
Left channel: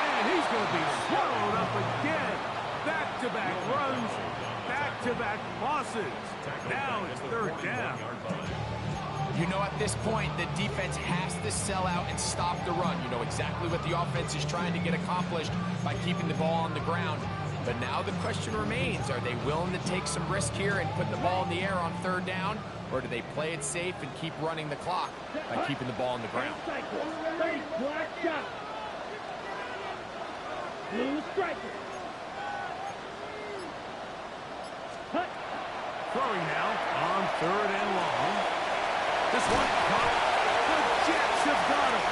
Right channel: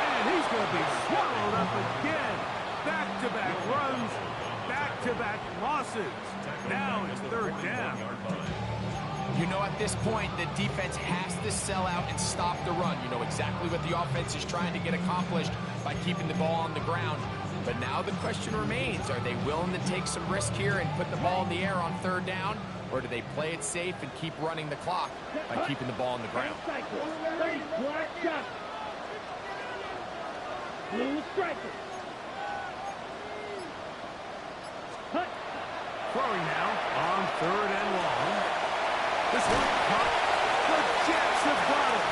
And he's going to be swallowed up again. Back-to-back runs. Back-to-back losses. Now it's 3rd down. You know, at this point, the defense has to sell out and stop the run. You know exactly what the offense is trying to get accomplished by keeping the ball on the ground. But now the question remains, are they willing to take some risk here and put the ball in the air on 3rd down? Or do they play it safe and keep running the clock by keeping the ball on the ground? Black shot. Blue striker. Hut. Throwing now on 3rd and long. This one caught. The Jets have got it.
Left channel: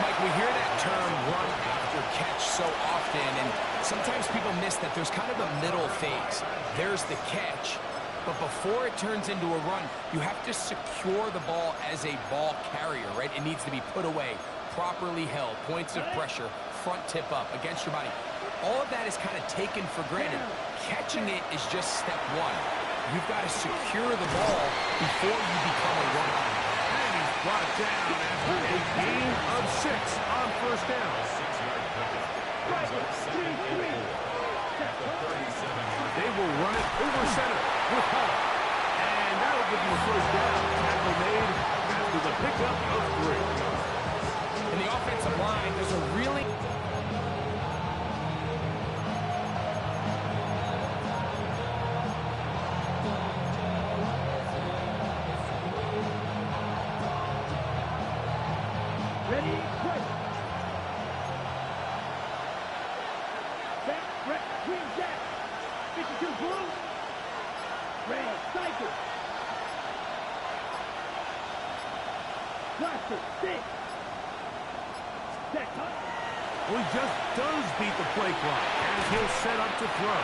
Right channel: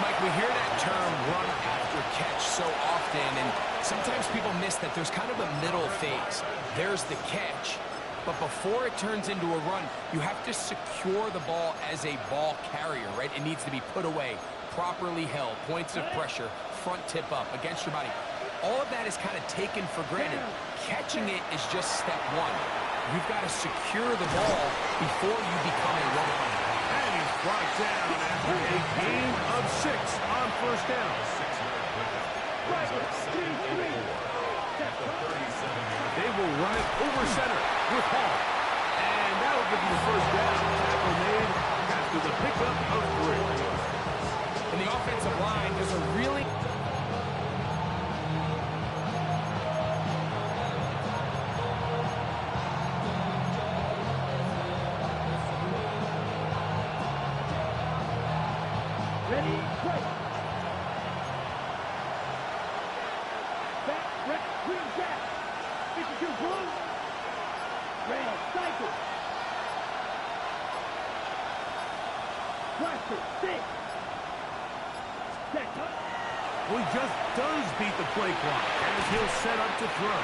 Mike, we hear that term run after catch so often, and sometimes people miss that there's kind of a middle phase. There's the catch, but before it turns into a run, you have to secure the ball as a ball carrier, right? It needs to be put away, properly held, points of pressure, front tip up against your body. All of that is kind of taken for granted. Catching it is just step 1. You've got to secure the ball before you become a runner. And he's brought down after a gain of 6 on 1st down. 6-yard pickup. Brings up 2nd and 4 at the 37-yard. They will run it over center with Hall. And that'll give them the 1st down. Tackle made after the pickup of 3. In the offensive line, there's a really... Ready, break. Back, red, green jack. 52 blue. Red, cycle. Blaster, 6. Set, cut. Well, he just does beat the play clock as he'll set up to throw.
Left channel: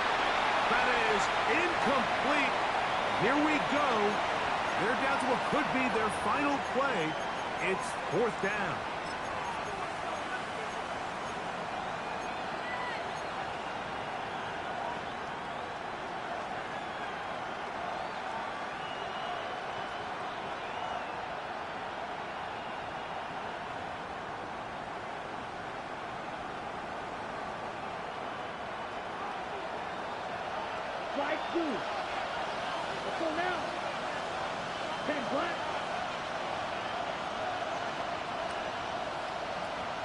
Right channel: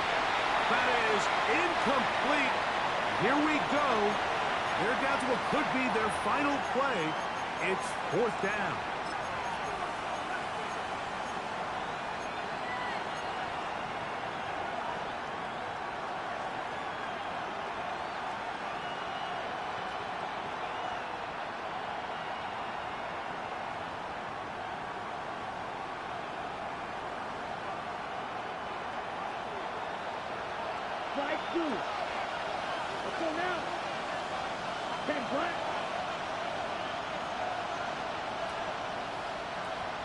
That is incomplete. Here we go. They're down to what could be their final play. It's 4th down. Flag blue. Let's go now. 10 black.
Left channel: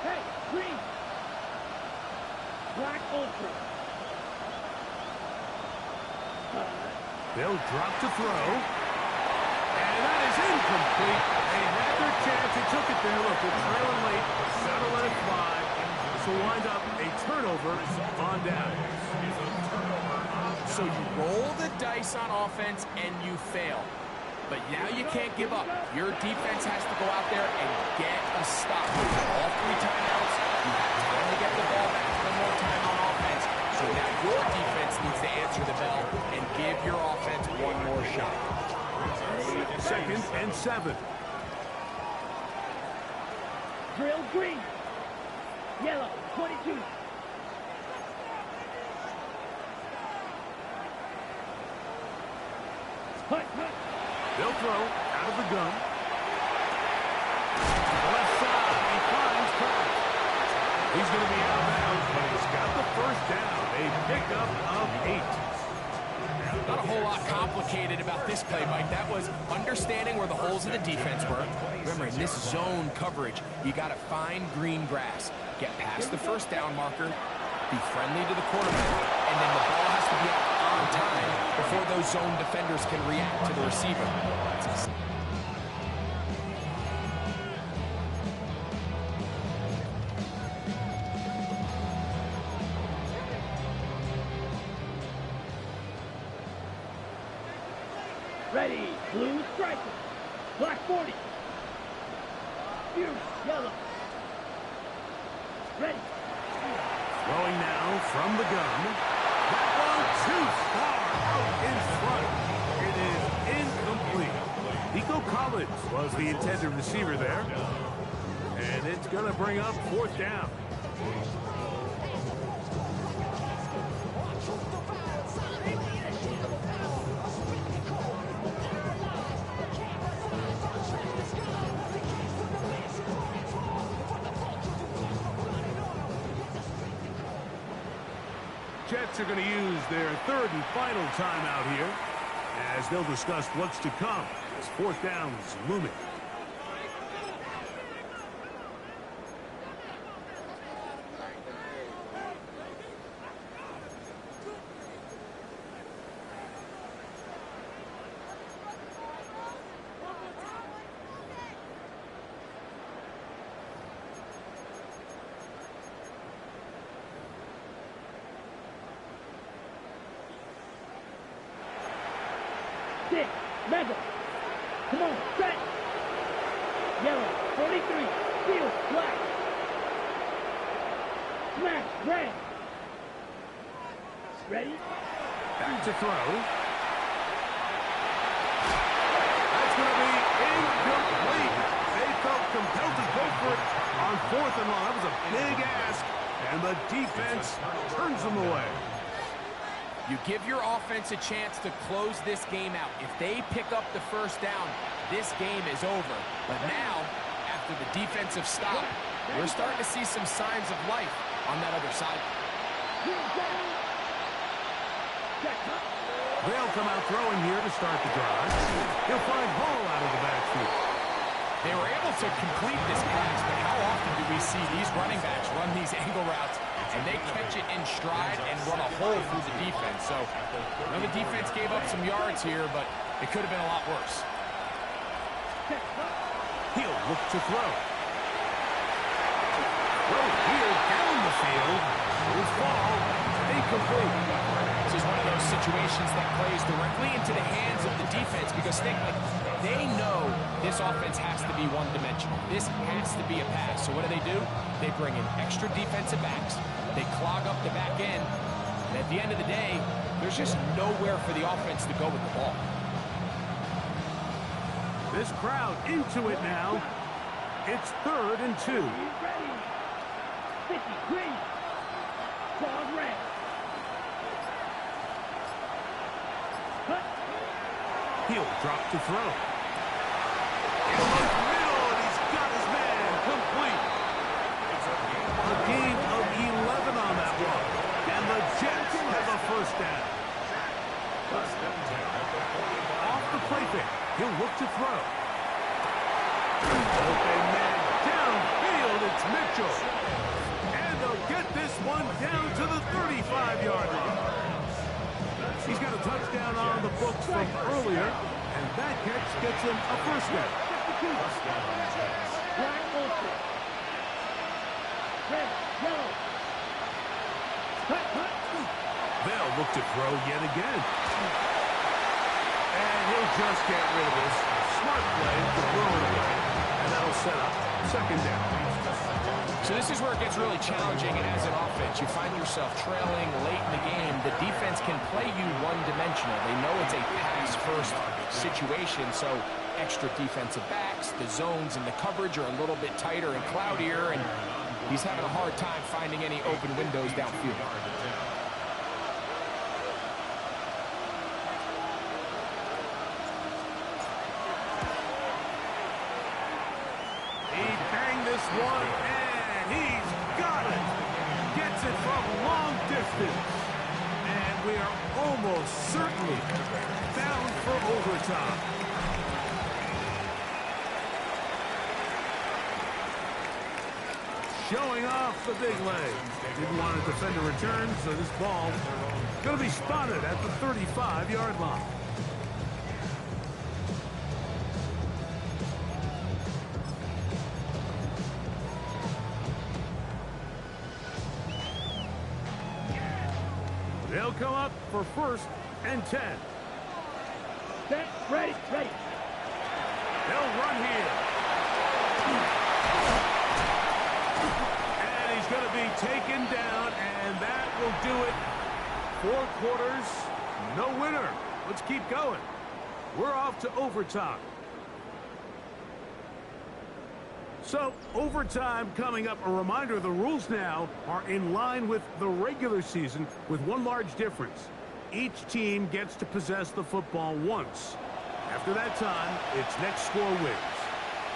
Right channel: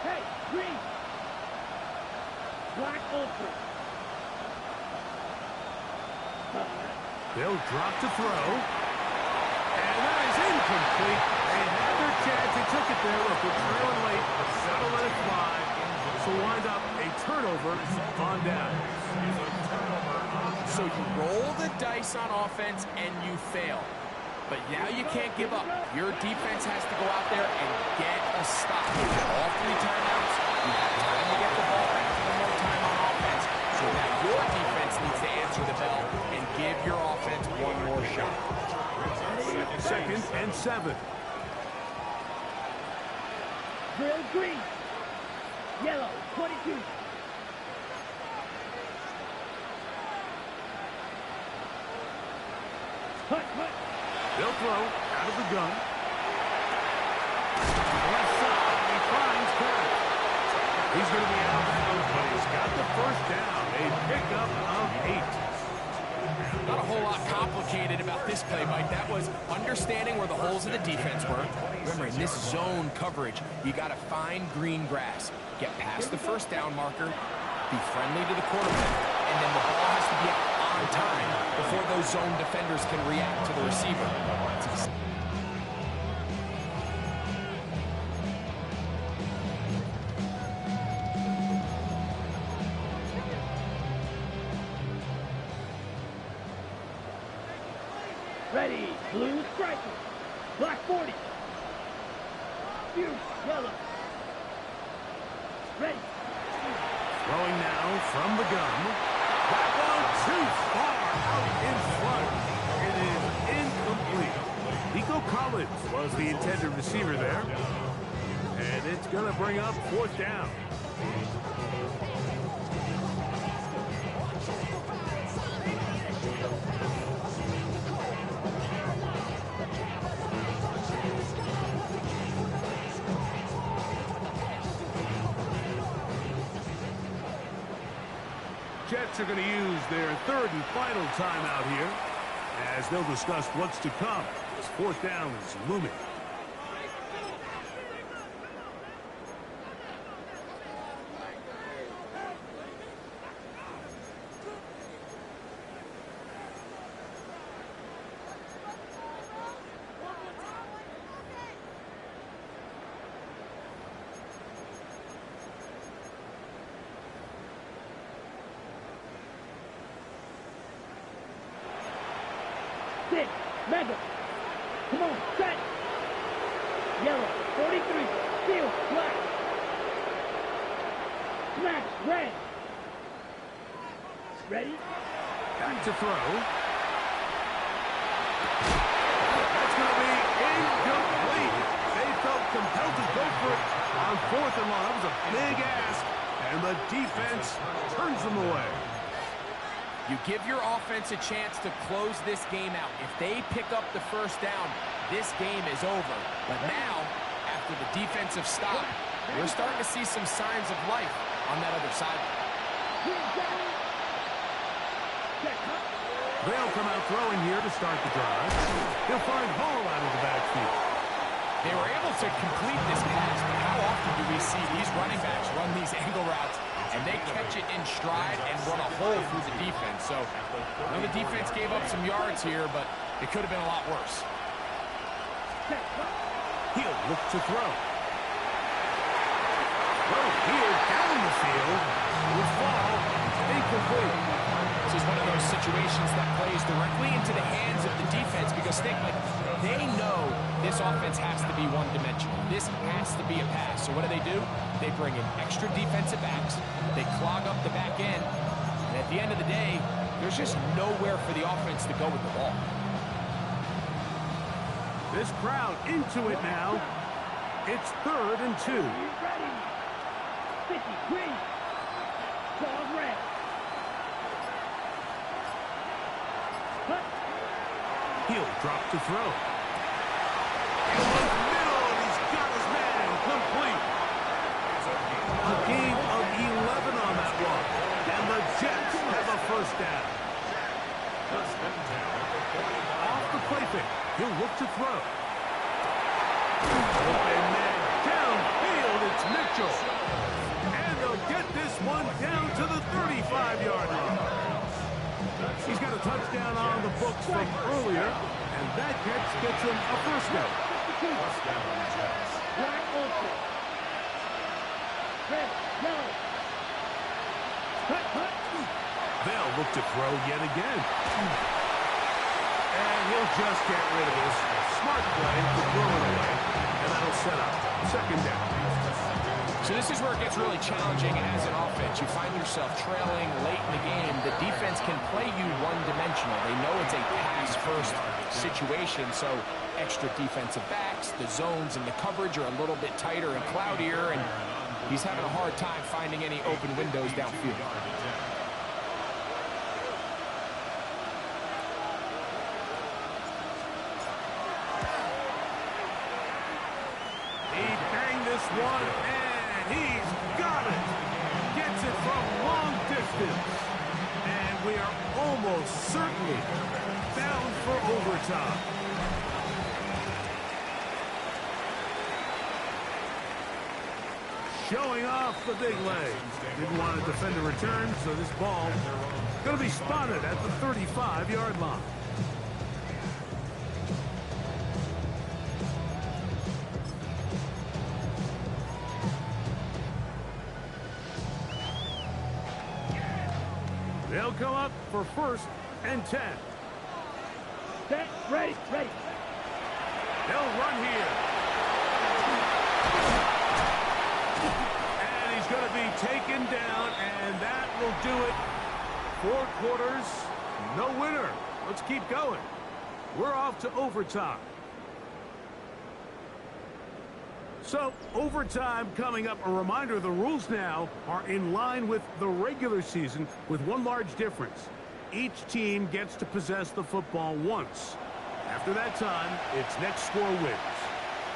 Hey, green. Black ultra. They'll drop to throw. And that is incomplete. They had their chance. They took it there. Look, they're trailing late. Gotta let it fly. This will wind up a turnover on down. So you roll the dice on offense and you fail. But now you can't give up. Your defense has to go out there and get a stop. You have all 3 timeouts. You have time to get the ball back one more time on offense. So now your defense needs to answer the bell and give your offense one more shot. 2nd and 7. Drill green. Yellow, 22. Hut, hut. They'll throw out of the gun. Left side, he finds Kraft. He's going to be out of bounds, but he's got the 1st down. A pickup of 8. Not a whole lot complicated about this play, Mike. That was understanding where the holes of the defense were. Remember, in this zone coverage, you got to find green grass. Get past the 1st down marker, be friendly to the quarterback, and then the ball has to be out on time before those zone defenders can react to the receiver. Ready, blue striker. Black 40. Fuse, yellow. Ready. Throwing now from the gun. That one too far out in front. It is incomplete. Nico Collins was the intended receiver there. And it's going to bring up 4th down. Jets are going to use their 3rd and final timeout here as they'll discuss what's to come as 4th down is looming. Six, mega. Come on, set. Yellow, 43. Steel, black. Smash, red. Ready? Back to throw. That's going to be incomplete. They felt compelled to go for it on 4th and long. That was a big ask, and the defense turns them away. You give your offense a chance to close this game out. If they pick up the 1st down, this game is over. But now, after the defensive stop, we're starting to see some signs of life on that other side. They'll come out throwing here to start the drive. He'll find Hall out of the backfield. They were able to complete this pass, but how often do we see these running backs run these angle routes and they catch it in stride and run a hole through the defense? So, I know the defense gave up some yards here, but it could have been a lot worse. He'll look to throw. Throw here down the field. Will fall. Incomplete. this is one of those situations that plays directly into the hands of the defense because they know this offense has to be one-dimensional. This has to be a pass. So what do? They bring in extra defensive backs. They clog up the back end. And at the end of the day, there's just nowhere for the offense to go with the ball. This crowd into it now. It's 3rd and 2. Ready. 50, green. Ball red. Cut. He'll drop to throw. In the middle, and he's got his man complete. A gain of 11 on that one. And the Jets have a first down. Off the play fake. He'll look to throw. Open man downfield. It's Mitchell. And they'll get this one down to the 35-yard line. He's got a touchdown on the books from earlier, and that catch gets him a first down. Black Olsen. Red, yellow. Cut. They'll look to throw yet again. And he'll just get rid of this. Smart play to throw it away, and that'll set up second down. So this is where it gets really challenging as an offense. You find yourself trailing late in the game. The defense can play you one-dimensional. They know it's a pass-first situation, so extra defensive backs, the zones and the coverage are a little bit tighter and cloudier, and he's having a hard time finding any open windows downfield. He banged this one, and he's got it. Gets it from long distance. And we are almost certainly bound for overtime. Showing off the big leg. Didn't want to defend a return, so this ball going to be spotted at the 35-yard line. They'll come up for 1st and 10. Set, ready. They'll run here. And he's going to be taken down, and that will do it. 4 quarters, no winner. Let's keep going. We're off to overtime. So, overtime coming up. A reminder, the rules now are in line with the regular season with one large difference. Each team gets to possess the football once. After that time, it's next score wins.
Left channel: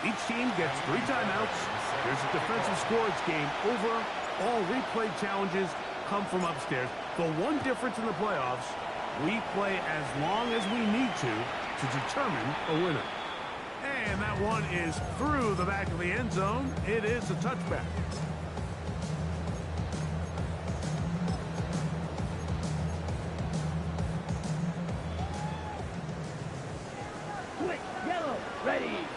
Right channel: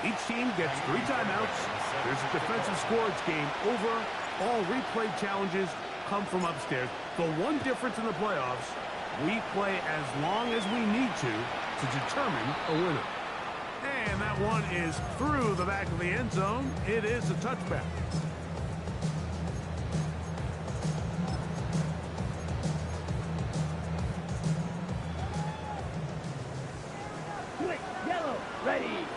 Each team gets 3 timeouts. There's a defensive score. It's game over. All replay challenges come from upstairs. The one difference in the playoffs, we play as long as we need to determine a winner. And that one is through the back of the end zone. It is a touchback. Quick, yellow, ready.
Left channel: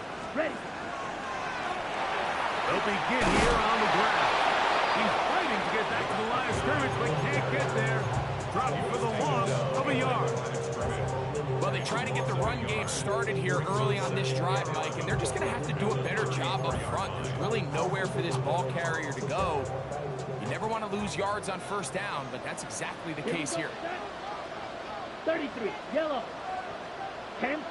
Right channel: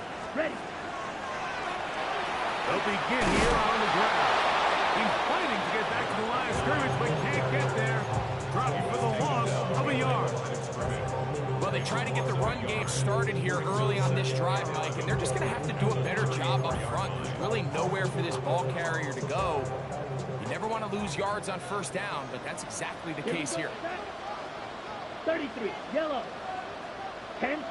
They'll begin here on the ground. He's fighting to get back to the line of scrimmage, but can't get there. Dropping for the loss of a yard. Well, they try to get the run game started here early on this drive, Mike, and they're just going to have to do a better job up front. There's really nowhere for this ball carrier to go. You never want to lose yards on 1st down, but that's exactly the case here. 33, yellow. 10.